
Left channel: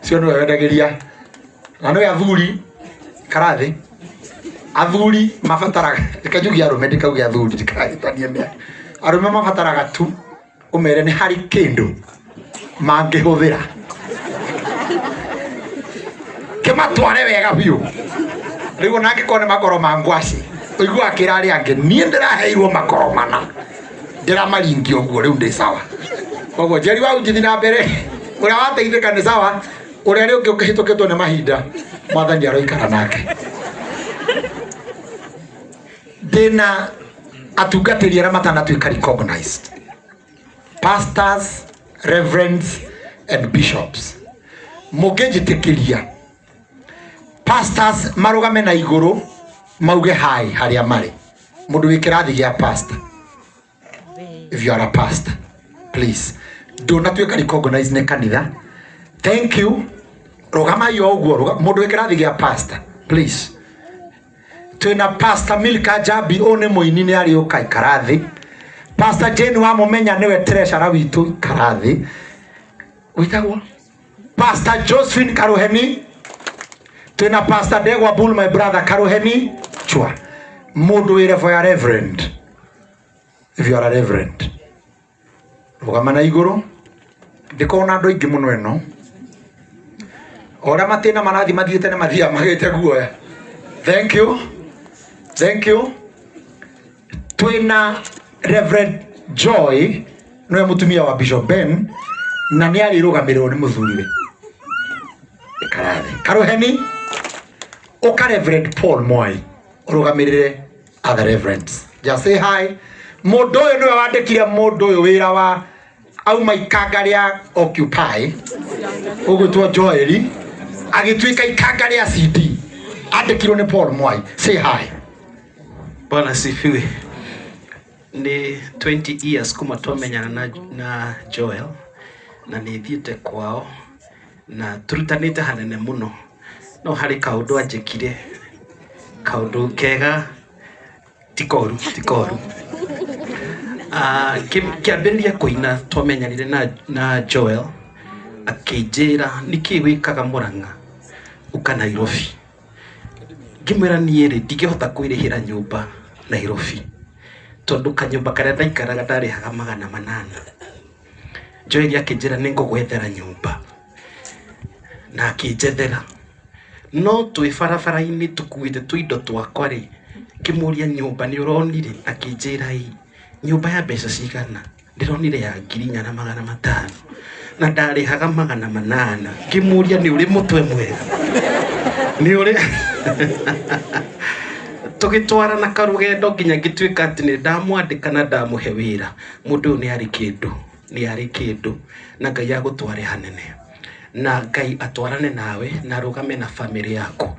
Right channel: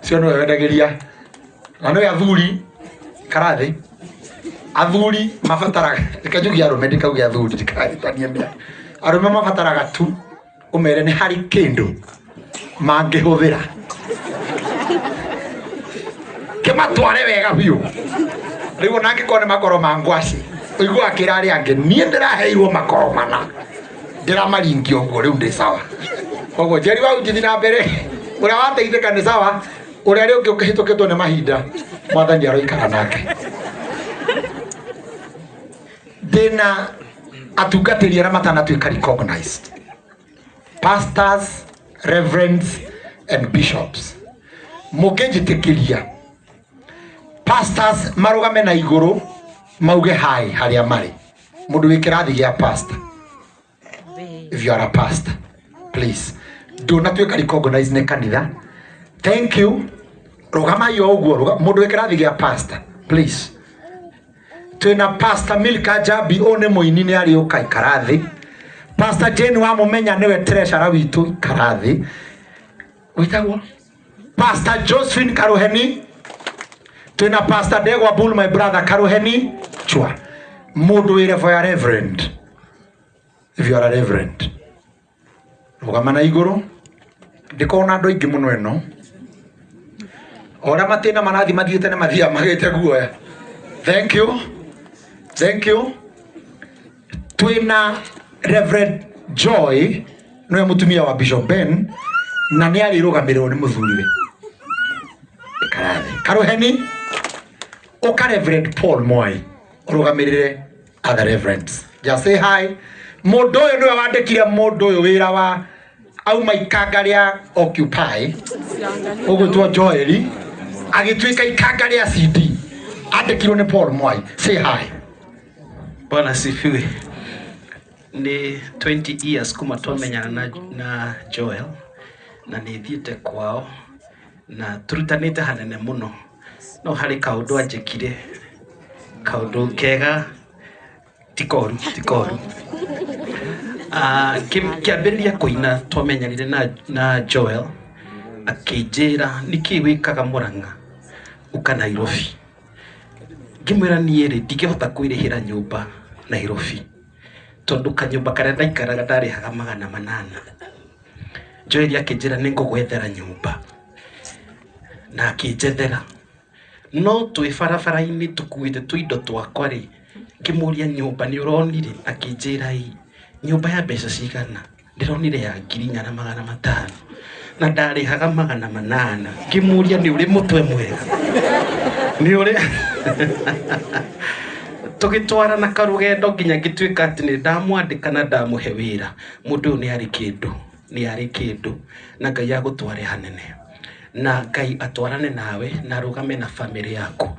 cio no wendagiria na no athuri karathi athuri mafataraga ikajugia arume ndikaugia athuri ndikatania mia arume mafataraga tu umere ni hari kindu mangihũthĩra kimatware wega biũ. Riu ona ngikona makoro ma ngwaci uigua akirari ange nie ndiraheirwo makoro mana ndiramaringia ũguo riu ndi sawa. Koguo Jerry wa uji na mbere uria wateithĩka ni sawa, uria ri ungi ukihitukitwo ni mahinda mwathani aroikara nake. Dena atungatĩri arĩa matanatuĩka recognized, pastors, reverends and bishops. Mũngĩnjĩtĩkĩria pastors marugame na igũrũ mauge hi harĩa marĩ. Mũndũ wĩ kĩrathi gĩa pastor, if you are a pastor, please ndũnatuĩka recognized nĩ kanitha. Thank you. Rugama yo ũguo mũndũ wĩ kĩrathi gĩa pastor, please. Twina Pastor Milka Jabi one muini ni ari ukai karathi. Pastor Jane wa mumenya niwe treasurer witu karathi. Witagwo Pastor Josephine Karuheni. Twina Pastor Degwa Bull, my brother Karuheni chwa. Mundu wire for a reverend. If you are a reverend, rugama na iguru ndikona andu aingi muno eno ora matina marathi mathiete na mathia magete guoya. Thank you. Thank you. Twina Reverend Joy niwe mutumia wa Bishop Ben na ni ari rugamirwo ni muthuriwe karathi Karuheni. Oka Reverend Paul Moi rugamirire other reverends. Just say hi. Mundu uyu niwe wandikire mundu uyu wira wa auma ikanga ria Occupy ugutwa Joel agituika ikanga ria CD andikirwo ni Paul Mwai. Say hi. Bwana sifiwe. Ni 20 years kuma twomenyana na Joel na ni thiete kwao na turutanite hanene muno no hari kaundu anjikire kaundu kega tikoru kiambiriria kuina twomenyanire na Joel akijira niki wikaga Murang'a uka Nairobi ngimwira niere ndingihota kwirihira nyumba Nairobi tondu kanyumba karia ndaikaraga ndarihaga 800. Joel akijira ningugwethera nyumba na akijethera no twi barabara-ini tukuite twindo twakwa ri kimuria nyumba ni uronire akijira nyumba ya mbeca cigana ndironire ya 4,500 na ndarihaga 800. Kimuria ni uri mutwe mwega ni uri tugitwarana karugendo nginya ngituika ati ni ndamwandika na ndamuhe wira mundu ni ari kindu na Ngai agutware hanene na Ngai atwarane nawe na rugame na family yako.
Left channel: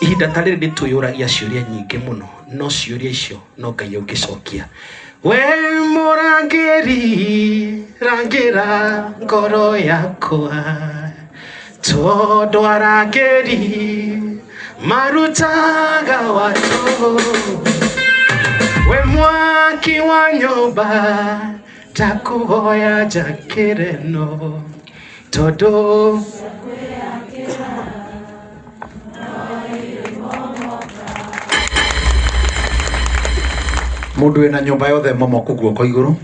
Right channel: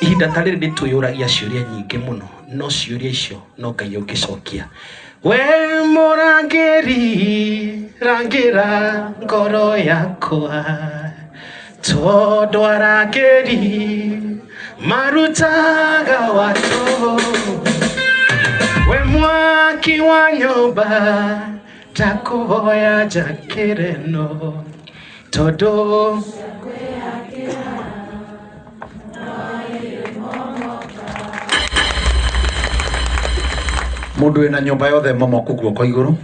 Ihinda tariri ndituyuragia ciuria nyingi muno no ciuria icio no Ngai ungicokia. We murangiri rangira ngoro yakwa tondu arangiri marutaga watu. We mwaki wa nyumba takuhoya jakire no todo mundu ena nyumba yothe momoku guoko iguru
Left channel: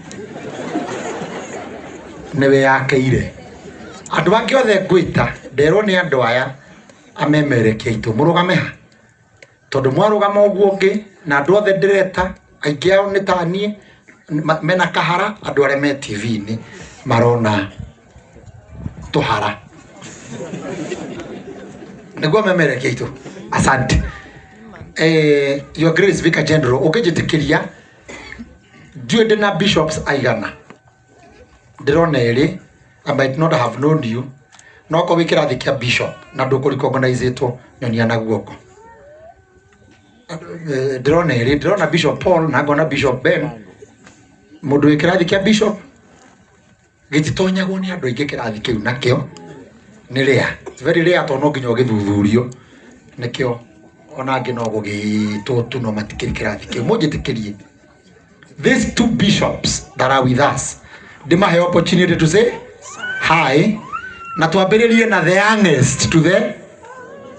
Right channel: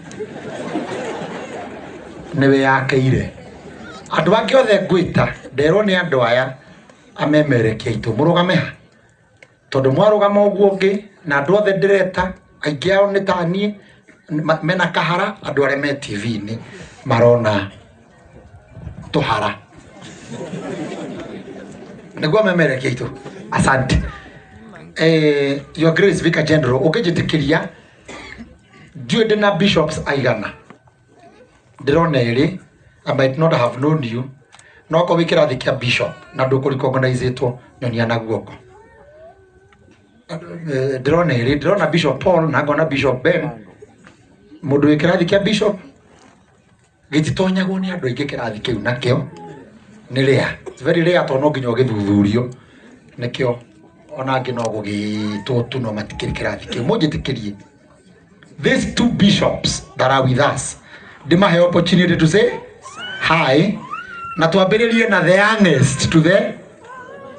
niwe yakeire. Andu bangi othe ngwita nderwo ni andu aya amemerekia itu murugame tondu mwarugama uguo ungi na andu othe ndireta aingi ao ni tanie mena kahara. Andu aria me TV ni marona tuhara niguo memerekia itu. Asante. Your Grace Vicar General ukijitikiria ndiyo ndina bishops aigana ndirona eri I might not have known you no ko wikirathi kia bishop na nduko recognizeitwo nyonia na guoko. Ndirona Bishop Paul na ngona Bishop Ben mundu wikirathi kia bishop gititonyagwo ni andu aingi kirathi kiu nakio ni rare. It's very rare to no nginya githuthurio nikio ona ngi no gugitwo tu no matikiri kirathi kiu mujitikirie. These two bishops that are with us, dimahe opportunity to say hi na tuambiririe na the youngest to the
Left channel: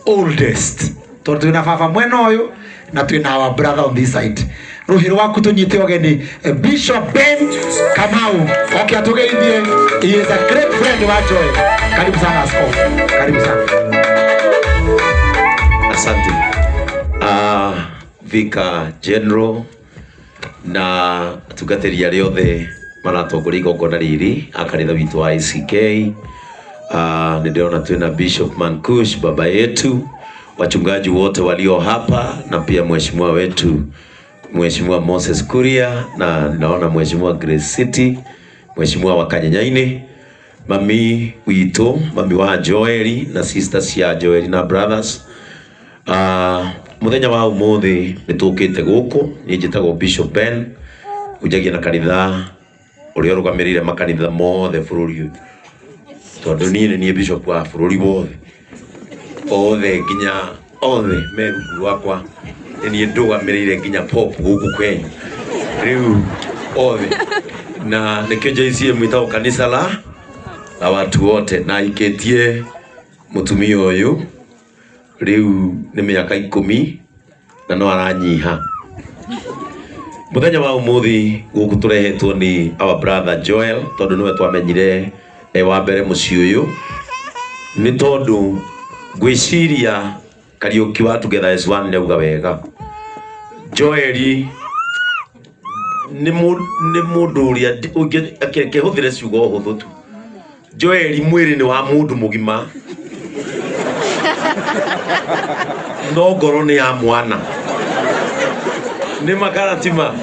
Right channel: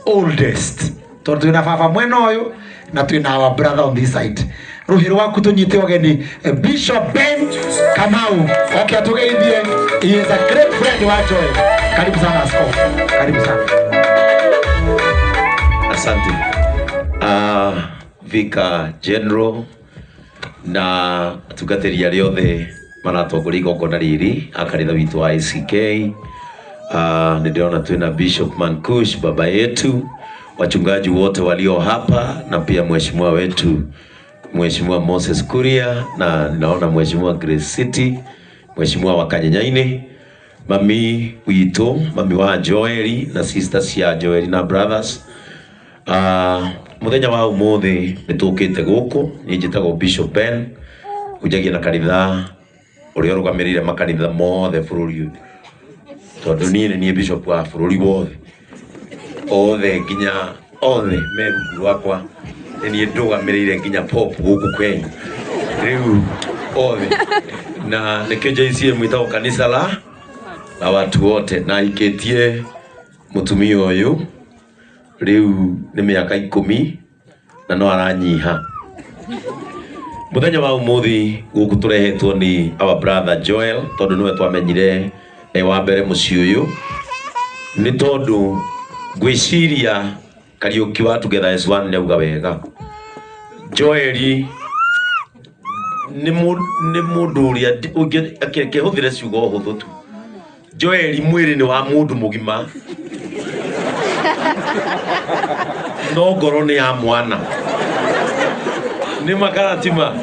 oldest. Tondu twina baba mwena uyu na twina our brother on this side. Ruhiro waku tunyite ogeni Bishop Ben Kamau akiatugeithie. He is a great friend wa Joel. Karibu sana askofu. Karibu sana. Asante. Vicar General na tugateri aria othe maratongoria igongona riri akaritha witu wa ICK. Niliona twina Bishop Mankush baba yetu, wachungaji wote walio hapa na pia mheshimiwa wetu Mheshimiwa Moses Kuria na naona Mheshimiwa Grace City, Mheshimiwa wa Kanyanyaini, mami wito, mami wa Joeli na sisters ya Joeli na brothers. Muthenya wa umuthi nitukite guku njitagwo Bishop Ben ujagia na kanitha uria rugamirire makanitha mothe bururi tondu ni bishop wa bururi wothe othe nginya othe meru wakwa ni ndugamirire nginya pop guku Kenya riu othe na nikio JCM mwitao kanisa la watu wote na iketie mutumia uyu riu ni miaka 10 na no aranyiha. Muthenya wa umuthi guku turehetwo ni our brother Joel tondu niwe twamenyire wa mbere muci uyu ni tondu gwiciria Kariuki wa Together as One neuga wega. Joel ni mundu uria akihuthire ciugo huthu tu. Joel mwiri ni wa mundu mugima no ngoro ni ya mwana Nĩ makaratima.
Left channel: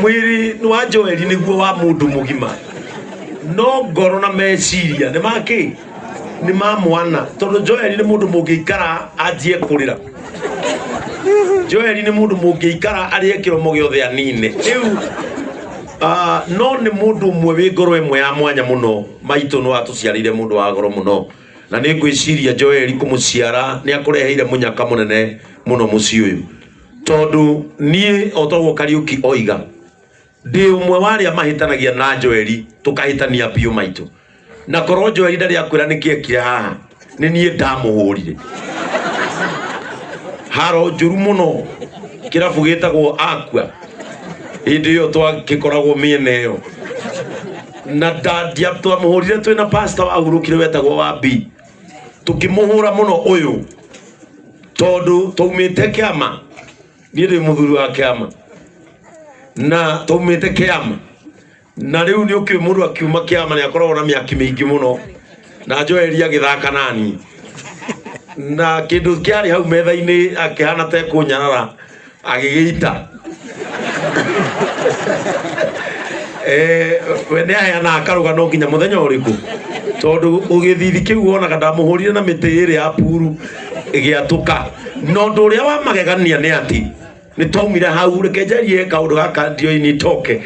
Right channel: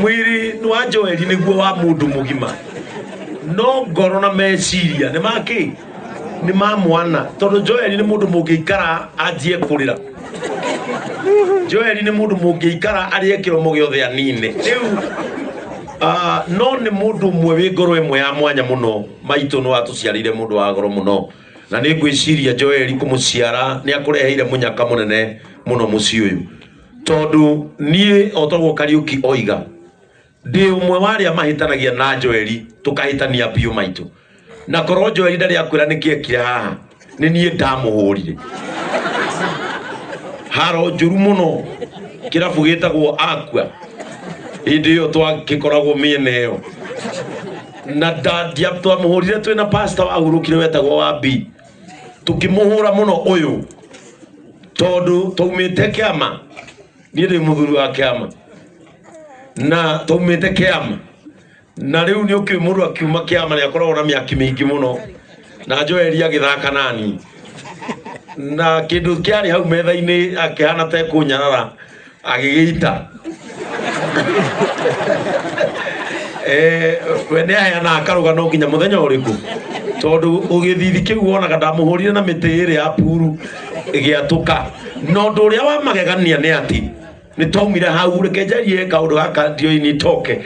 Mwiri wa Joel nĩguo wa mũndũ mũgima. No ngoro na meciria nĩ maki nĩ ma mwana tondũ Joel nĩ mũndũ mũngĩikara anjie kũrĩra. Joel nĩ mũndũ mũngĩikara arĩe kĩromo gĩothe anine. Rĩu no nĩ mũndũ ũmwe wĩ ngoro ĩmwe ya mwanya mũno. Maitũ no atuciarire mũndũ wa goro mũno. Na nĩ ngwĩciria Joel kũmũciara nĩ akũreheire mũnyaka mũnene mũno mũciĩ ũyũ. Tondũ niĩ otagwo Kariuki oiga ndĩ ũmwe wa arĩa mahĩtanagia na Joel tũkahĩtania biũ maitũ. Na korwo Joel ndarĩ akwĩra nĩkĩ ekire haha nĩ niĩ ndamũhũrire. Haro njũru mũno kĩrabu gĩtagwo Aqua. Hĩndĩ ĩyo twagĩkoragwo mĩena ĩyo. Na ndandia twamũhũrire twĩna pastor wahurũkire wetagwo wa B. Tukĩmũhũra mũno ũyũ tondũ twaumĩte kĩama. Niĩ ndĩ mũthuri wa kĩama. Na twaumĩte kĩama. Na rĩu nĩ ũkĩũĩ mũndũ akiuma kĩama nĩ akoragwo na mĩaki mĩingĩ mũno. Na Joel agĩthaka nani. Na kĩndũ kĩarĩ hau metha-inĩ akĩhana ta ekũnyarara agĩgĩita. We nĩ aheanaga karũgano nginya mũthenya ũrĩkũ. Tondũ ũgĩthithi kĩu wonaga ndamũhũrire na mĩtĩ ĩrĩ ya puru ĩgĩatũka. No ũndũ ũrĩa wa magegania nĩ atĩ nĩ twaumire hau reke njarie kaũndũ gaka ndioini toke.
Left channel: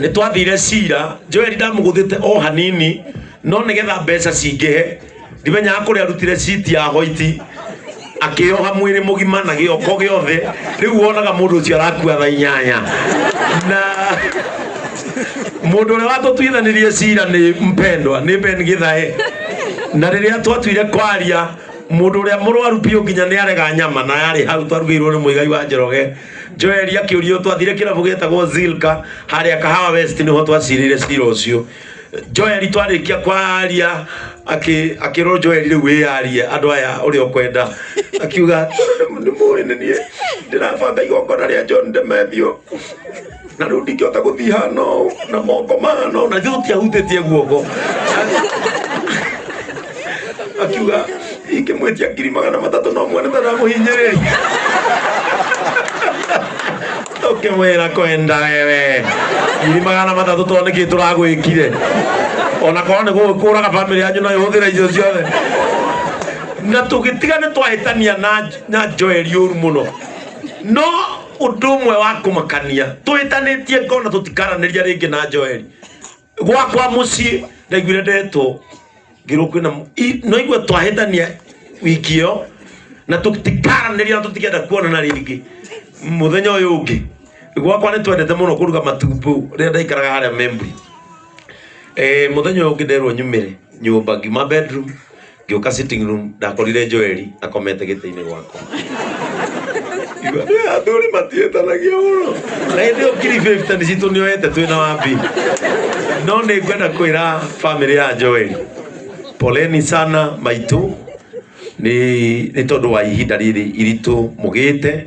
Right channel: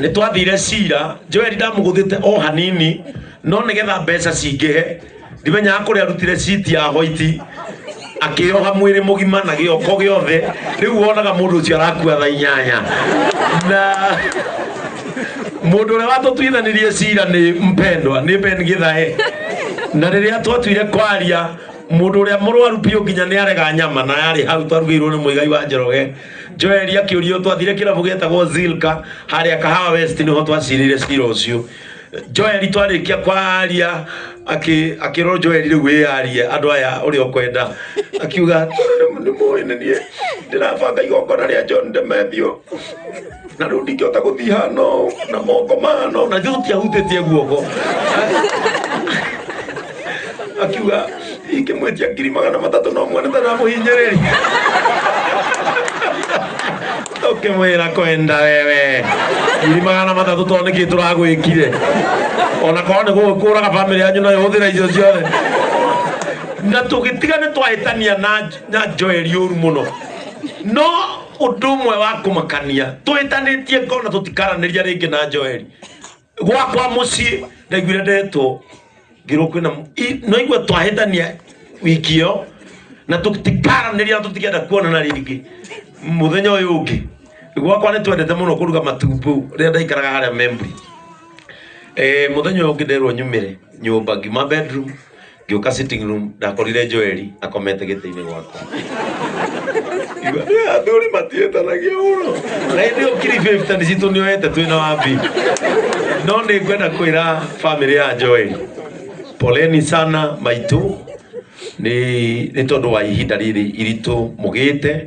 Nĩ twathire cira Joel ndamũgũthĩte o hanini no nĩgetha mbeca cingĩhe ndimenyaga kũrĩa arutire citi ya white akĩoha mwĩrĩ mũgima na gĩoko gĩothe. Rĩu wonaga mũndũ ũcio arakua thaa 8 na mũndũ ũrĩa watũtuithanĩrie cira nĩ mpendwa nĩ Ben Githae. Na rĩrĩa twatuire kwaria mũndũ ũrĩa mũrwaru biũ nginya nĩ arega nyama na yarĩ hau twarugĩirwo nĩ Mũigai wa Njoroge. Joel akĩũrio twathire kĩrabu gĩtagwo Zilka harĩa Kahawa West nĩho twacirire cira ũcio. Joel twarĩkia kwaria akĩrwo Joel rĩu wĩyarie andũ aya ũrĩa ũkwenda. Akiuga nĩ mũĩ nĩ niĩ ndĩrabanga igongona rĩa John Demethio na rĩu ndingĩhota gũthiĩ hano na moko mano na tũtiahutĩtie guoko. Akiuga ikĩmwetia 300 no mwana ndaramũhinyĩrĩria. Ũkĩmwĩra kwenda wewe 300 tondũ nĩkĩ tũragwĩkire. Ona korwo nĩ gũkũraga bamĩrĩ yanyu no ĩhũthĩre icio ciothe. Na tũgĩtiga nĩ twahĩtania na Joel ũru mũno. No ũndũ ũmwe wa kũmakania twĩtanĩtie ngona tũtikaranĩria rĩngĩ na Joel. Gwakwa mũciĩ ndaiguire ndetwo ngĩrwo kwĩna no igwe twahĩtania wiki ĩyo na tũtikaranĩria na tũtikenda kuonana rĩngĩ. Mũthenya ũyũ ũngĩ gwakwa nĩ twendete mũno kũruga matumbũ rĩrĩa ndaikaraga harĩa Membri. Mũthenya ũyũ ũngĩ nderwo nyumĩre nyũmba ngima bedroom ngĩũka sitting room ndakorire Joel akomete gĩtĩ-inĩ gwakwa. Athuri matiĩtanagia mũno. Na hĩndĩ ĩyo kiri 50 citũ nĩoete twĩna wambi. No nĩ ngwenda kwĩra family ya Joel poleni sana maitũ nĩ tondũ wa ihinda rĩrĩ iritũ mũgĩte.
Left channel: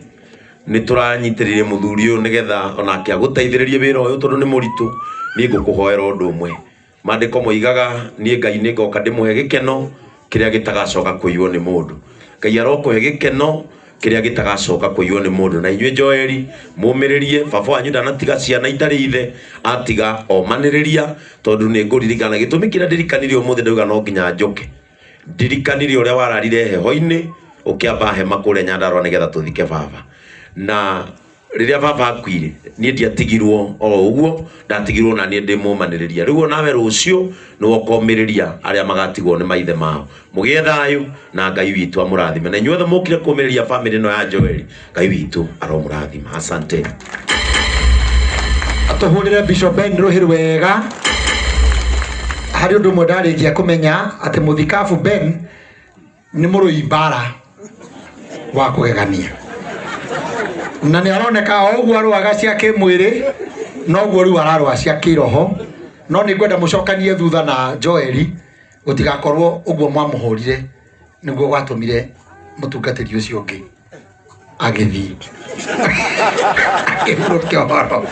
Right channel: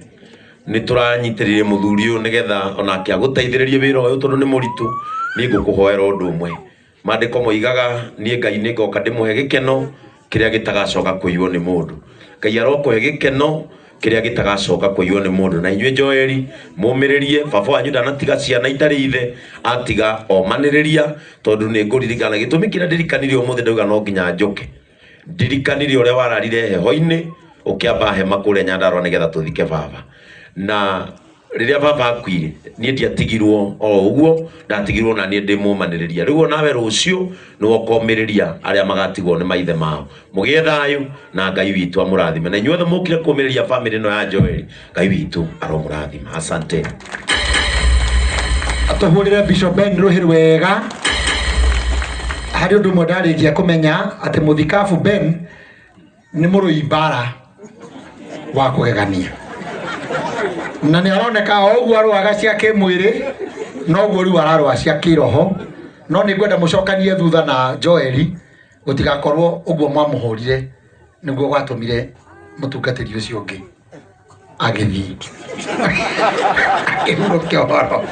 Nĩ tũranyitĩrĩire mũthuri ũyũ nĩgetha onake agũteithĩrĩrie wĩra ũyũ tondũ nĩ mũritũ. Niĩ ngũkũhoera ũndũ ũmwe. Maandĩko moigaga niĩ Ngai nĩ ngoka ndĩmũhe gĩkeno kĩrĩa gĩtagacoka kũiywo nĩ mũndũ. Ngai arokũhe gĩkeno kĩrĩa gĩtagacoka kũiywo nĩ mũndũ. Na inyuĩ Joel mũmĩrĩrie baba wanyu ndanatiga ciana itarĩ ithe atiga omanĩrĩria tondũ nĩ ngũririkana gĩtũmi kĩrĩa ndirikanire ũmũthĩ ndauga no nginya njoke. Ndirikanire ũrĩa wararire heho-inĩ ũkĩamba hema kũrĩa Nyandarũa nĩgetha tũthike baba. Na rĩrĩa baba akuire niĩ ndiatigirwo o ũguo ndatigirwo na niĩ ndĩmũmanĩrĩria. Rĩu onawe rũciũ nĩ wokomĩrĩria arĩa magatigwo nĩ maithe mao. Mũgĩe thayũ na Ngai witũ amũrathime. Na inyuothe mũkire kũmĩrĩria family ĩno ya Joel. Ngai witũ aromũrathima. Asante. Atũhũrĩre Bishop Ben Rũhĩrĩ wega. Harĩ ũndũ ũmwe ndarĩkia kũmenya atĩ mũthikabu Ben nĩ mũrũi mbara wa kũgegania. Na nĩ aroneka o ũguo arũaga cia kĩmwĩrĩ noguo rĩu ararũa cia kĩroho. No nĩ ngwenda mũcokanie thutha na Joel gũtigakorwo ũguo mwamũhũrire nĩguo gwatũmire mũtungatĩri ũcio ũngĩ agĩthiĩ. Akĩhurũkia ũhoro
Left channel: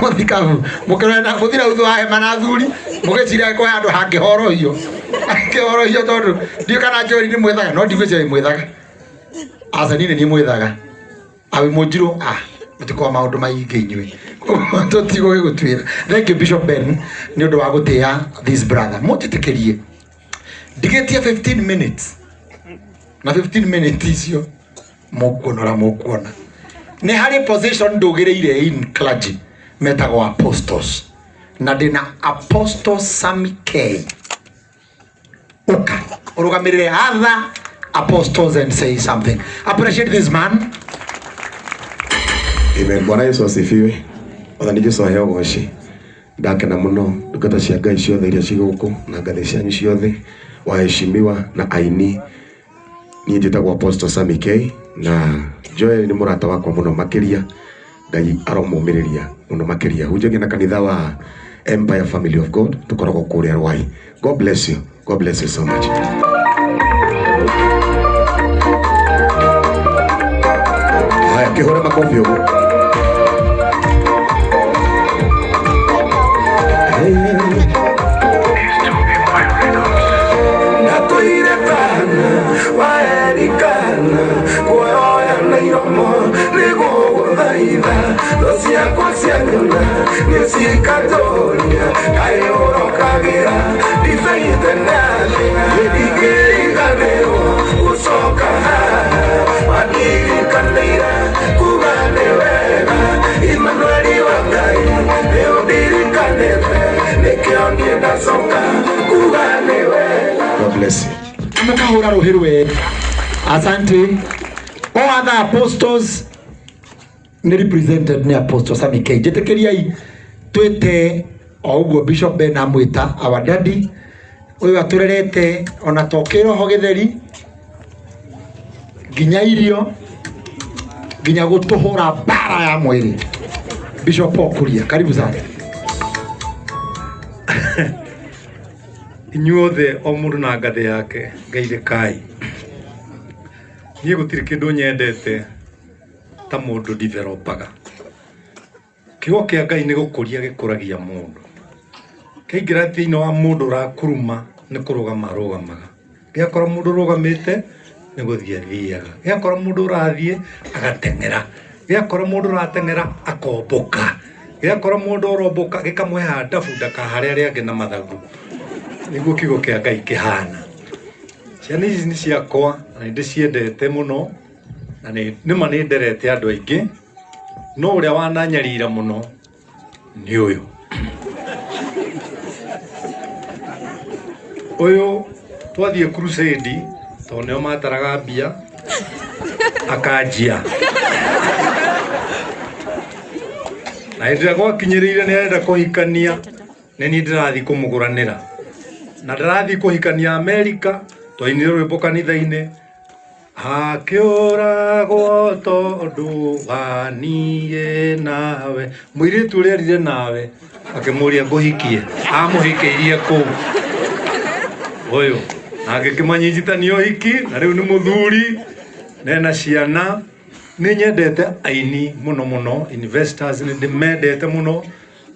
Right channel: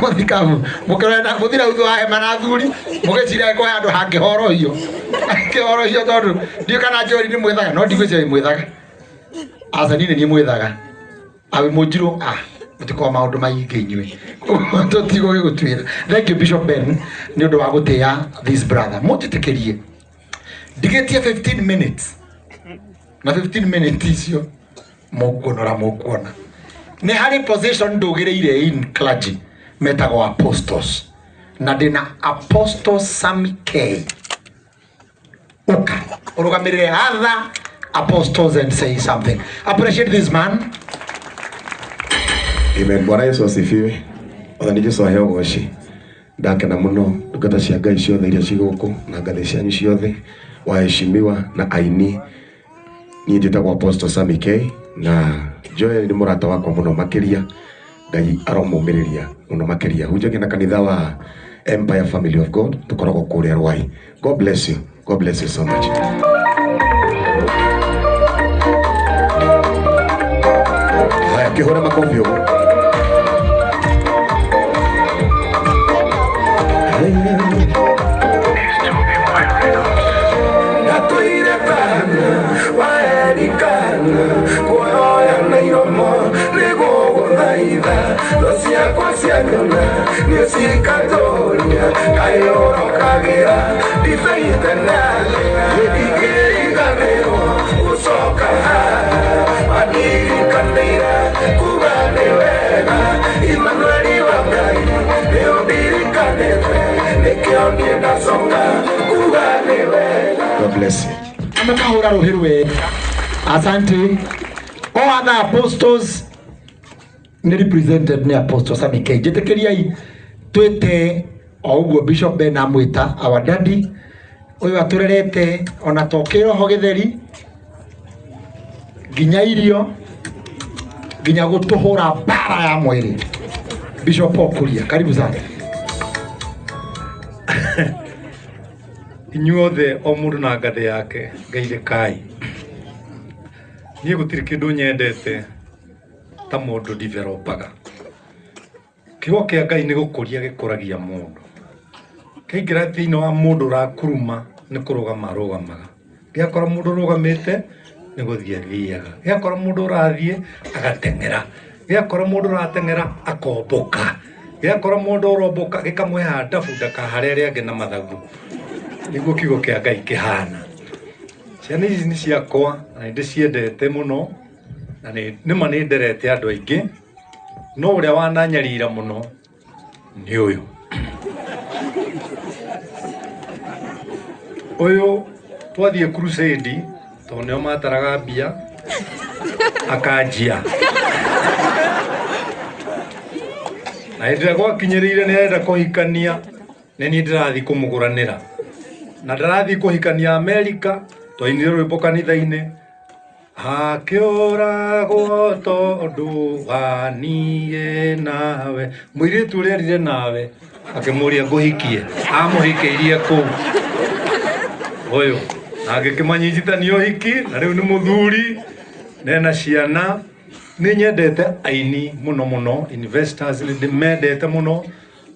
mũthikabu mũkĩrona mũthira uthu wa hema na athuri mũgĩcira kwa andũ hangĩhorohio tondũ ndiũ kana Joel nĩ mwĩthaga no ndigwĩciria mwĩthaga. Aca niĩ nĩ mwĩthaga awe mujiro mutikwa maundu maingi inywe totigo gigutwira. Thank you Bishop Ben ni undu wa gutia this brother mutitekerie ndigetia 15 minutes na 15 minutes icio mukuona ni hari position ndugireire in clergy metagwo apostles na ndina Apostle Sammy K. Uka urugamirire other apostles and say something. Appreciate this man. Amen. Bwana Yesu asifiwe. Othani Jesu aheo goci. Ndakena muno ndungata cia Ngai ciothe iria ciguku na ngathĩ cianyu ciothe, waheshimiwa na aini. Niĩ njĩtagwo Apostle Sammy K na Joel nĩ mũrata wakwa muno makiria. Ngai aromũmĩrĩria muno makiria. Hunjagia na kanitha wa Empire Family of God tukoragwo kũrĩa Rwai. God bless you. God bless you so much. Kihora makofi huko. God bless you. Amekahura rohirwe. Asante. All other apostles ni represented ni Apostle Sammy K. Jetekeriai twete oguo Bishop Ben amwita our daddy. Uyu aturerete ona tokero ho githeri. Ginya irio. Ginya gutuhura bara ya mwiri. Bishop Okuria, karibu sana. Inyuothe o mundu na ngathĩ yake ngeithĩkai. Niĩ gũtirĩ kĩndũ nyendete ta mũndũ developaga. Kiugo kĩa Ngai nĩ gũkũria gĩkũragia mũndũ. Kaingĩra thĩinĩ wa mũndũ ũrakuruma nĩ kũrũgama arũgamaga. Gĩakora mũndũ ũrũgamĩte nĩ gũthiĩ athiaga. Gĩakora mũndũ ũrathiĩ agateng'era. Gĩakora mũndũ ũrateng'era akomboka. Gĩakora mũndũ ũromboka gĩkamũhe ndabu ndakaharĩa arĩa angĩ na mathagu. Niguo kiugo kĩa Ngai kĩhana. Ciana ici nĩ ciakwa na ndĩciendete mũno na nĩma nĩ nderete andũ aingĩ, no ũrĩa wananyarira mũno nĩ ũyũ. Ũyũ twathiĩ crusade tondũ nĩo mataraga mbia akanjia. Na hĩndĩ gwakinyĩrĩire nĩ arenda kũhikania nĩ niĩ ndĩrathiĩ kũmũgũranĩra. Na ndĩrathiĩ kũhikania Amerika twainire rwĩmbo kanitha-inĩ. Hakĩũragwo tondũ wa niĩ nawe. Mũirĩtu ũrĩa arire nawe akĩmũria ngũhikie, amũhikĩirie kũu. Ũyũ agĩkĩmanyitithania ũhiki na rĩu nĩ mũthuri na ena ciana. Nĩ nyendete aini mũno mũno, investors nĩ ndĩmendete mũno.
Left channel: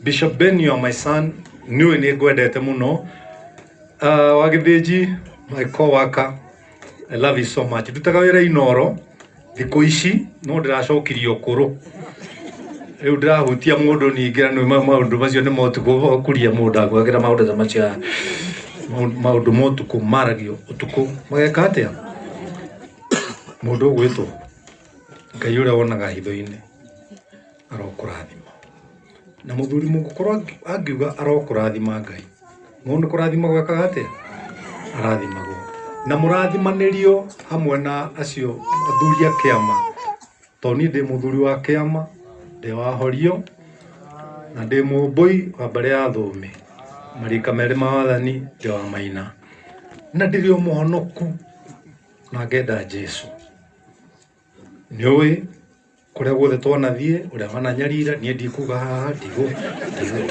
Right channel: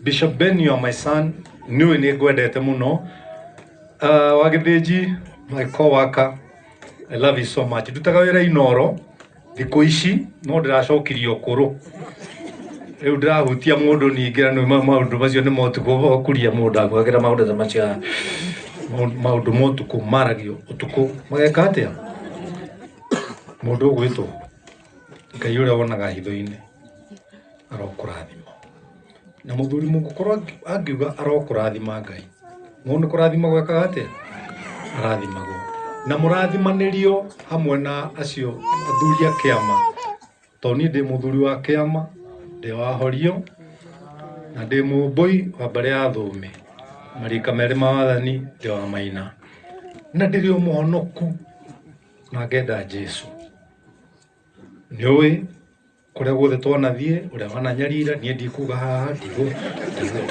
Bishop Ben, you are my son, niĩ nĩ ngwendete mũno. Wagĩthĩnji, my co-worker, I love you so much. Ndutaga wĩra Inoro thikũ ici no ndĩracokirie ũkũrũ. Rĩu ndĩrahutia mũndũ ningĩ na maũndũ macio nĩ motukũ okuria mũndũ agwakĩra maũndũ ta macio. Maũndũ motukũ maragio ũtukũ mageka atĩa? Mũndũ ũgwĩtwo Ngai ũrĩa wonaga hitho-inĩ arokũrathima. Na mũthuri mũgũkorwo angiuga arokũrathima Ngai. Mũndũ kũrathima gwekaga atĩa? Arathimagwo. Na mũrathimanĩrio hamwe na acio athuri a kĩama. Tondũ niĩ ndĩ mũthuri wa kĩama, ndĩ wa Horio na ndĩ mũmbũi wa mbere ya Thũme. Marika merĩ ma wathani ndĩ wa Maina. Na ndĩrĩ o mũhonoku na ngenda Jesũ. Nĩũĩ kũrĩa guothe twanathiĩ ũrĩa wananyarira niĩ ndikuga haha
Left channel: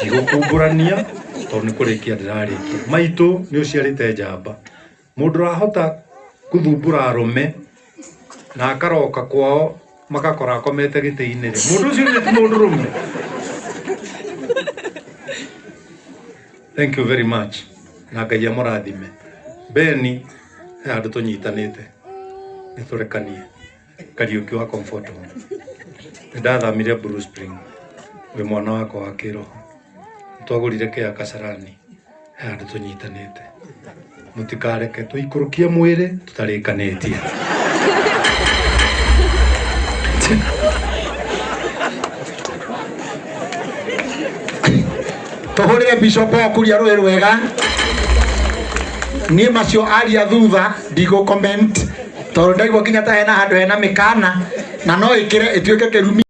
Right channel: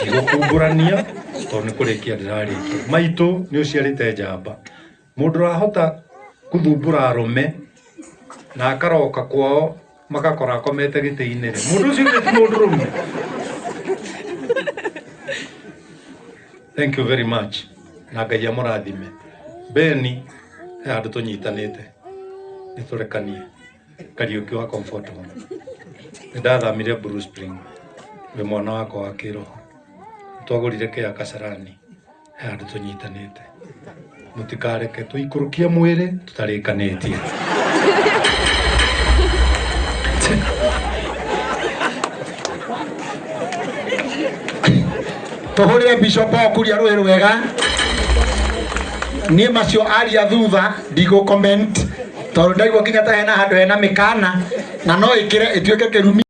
ndigũkumbũrania tondũ nĩ kũrĩkia ndĩrarĩkia. Maitũ nĩ ũciarĩte njamba. Mũndũ ũrahota gũthumbũra arũme na akaroka kwao magakora akomete gĩtĩ-inĩ rĩ. Mũndũ ũcio nĩ mũndũ ũrũme. Thank you very much. Na Ngai amũrathime. Beni he andũ tũnyitanĩte nĩ tũrekanie. Kariũki wa comfortable. ndathamire Blue Spring we mwana wako wa kiroho twagurire kia Kasarani handu tunyitanite mutikareke tuikurukie mwiri tutarikanitie tuhurire Bishop akuria rwe rwega ni macio aria thutha ndigo comment tondu ndaigua kinya ta hena handu hena mikana na no ikire ituike kirumi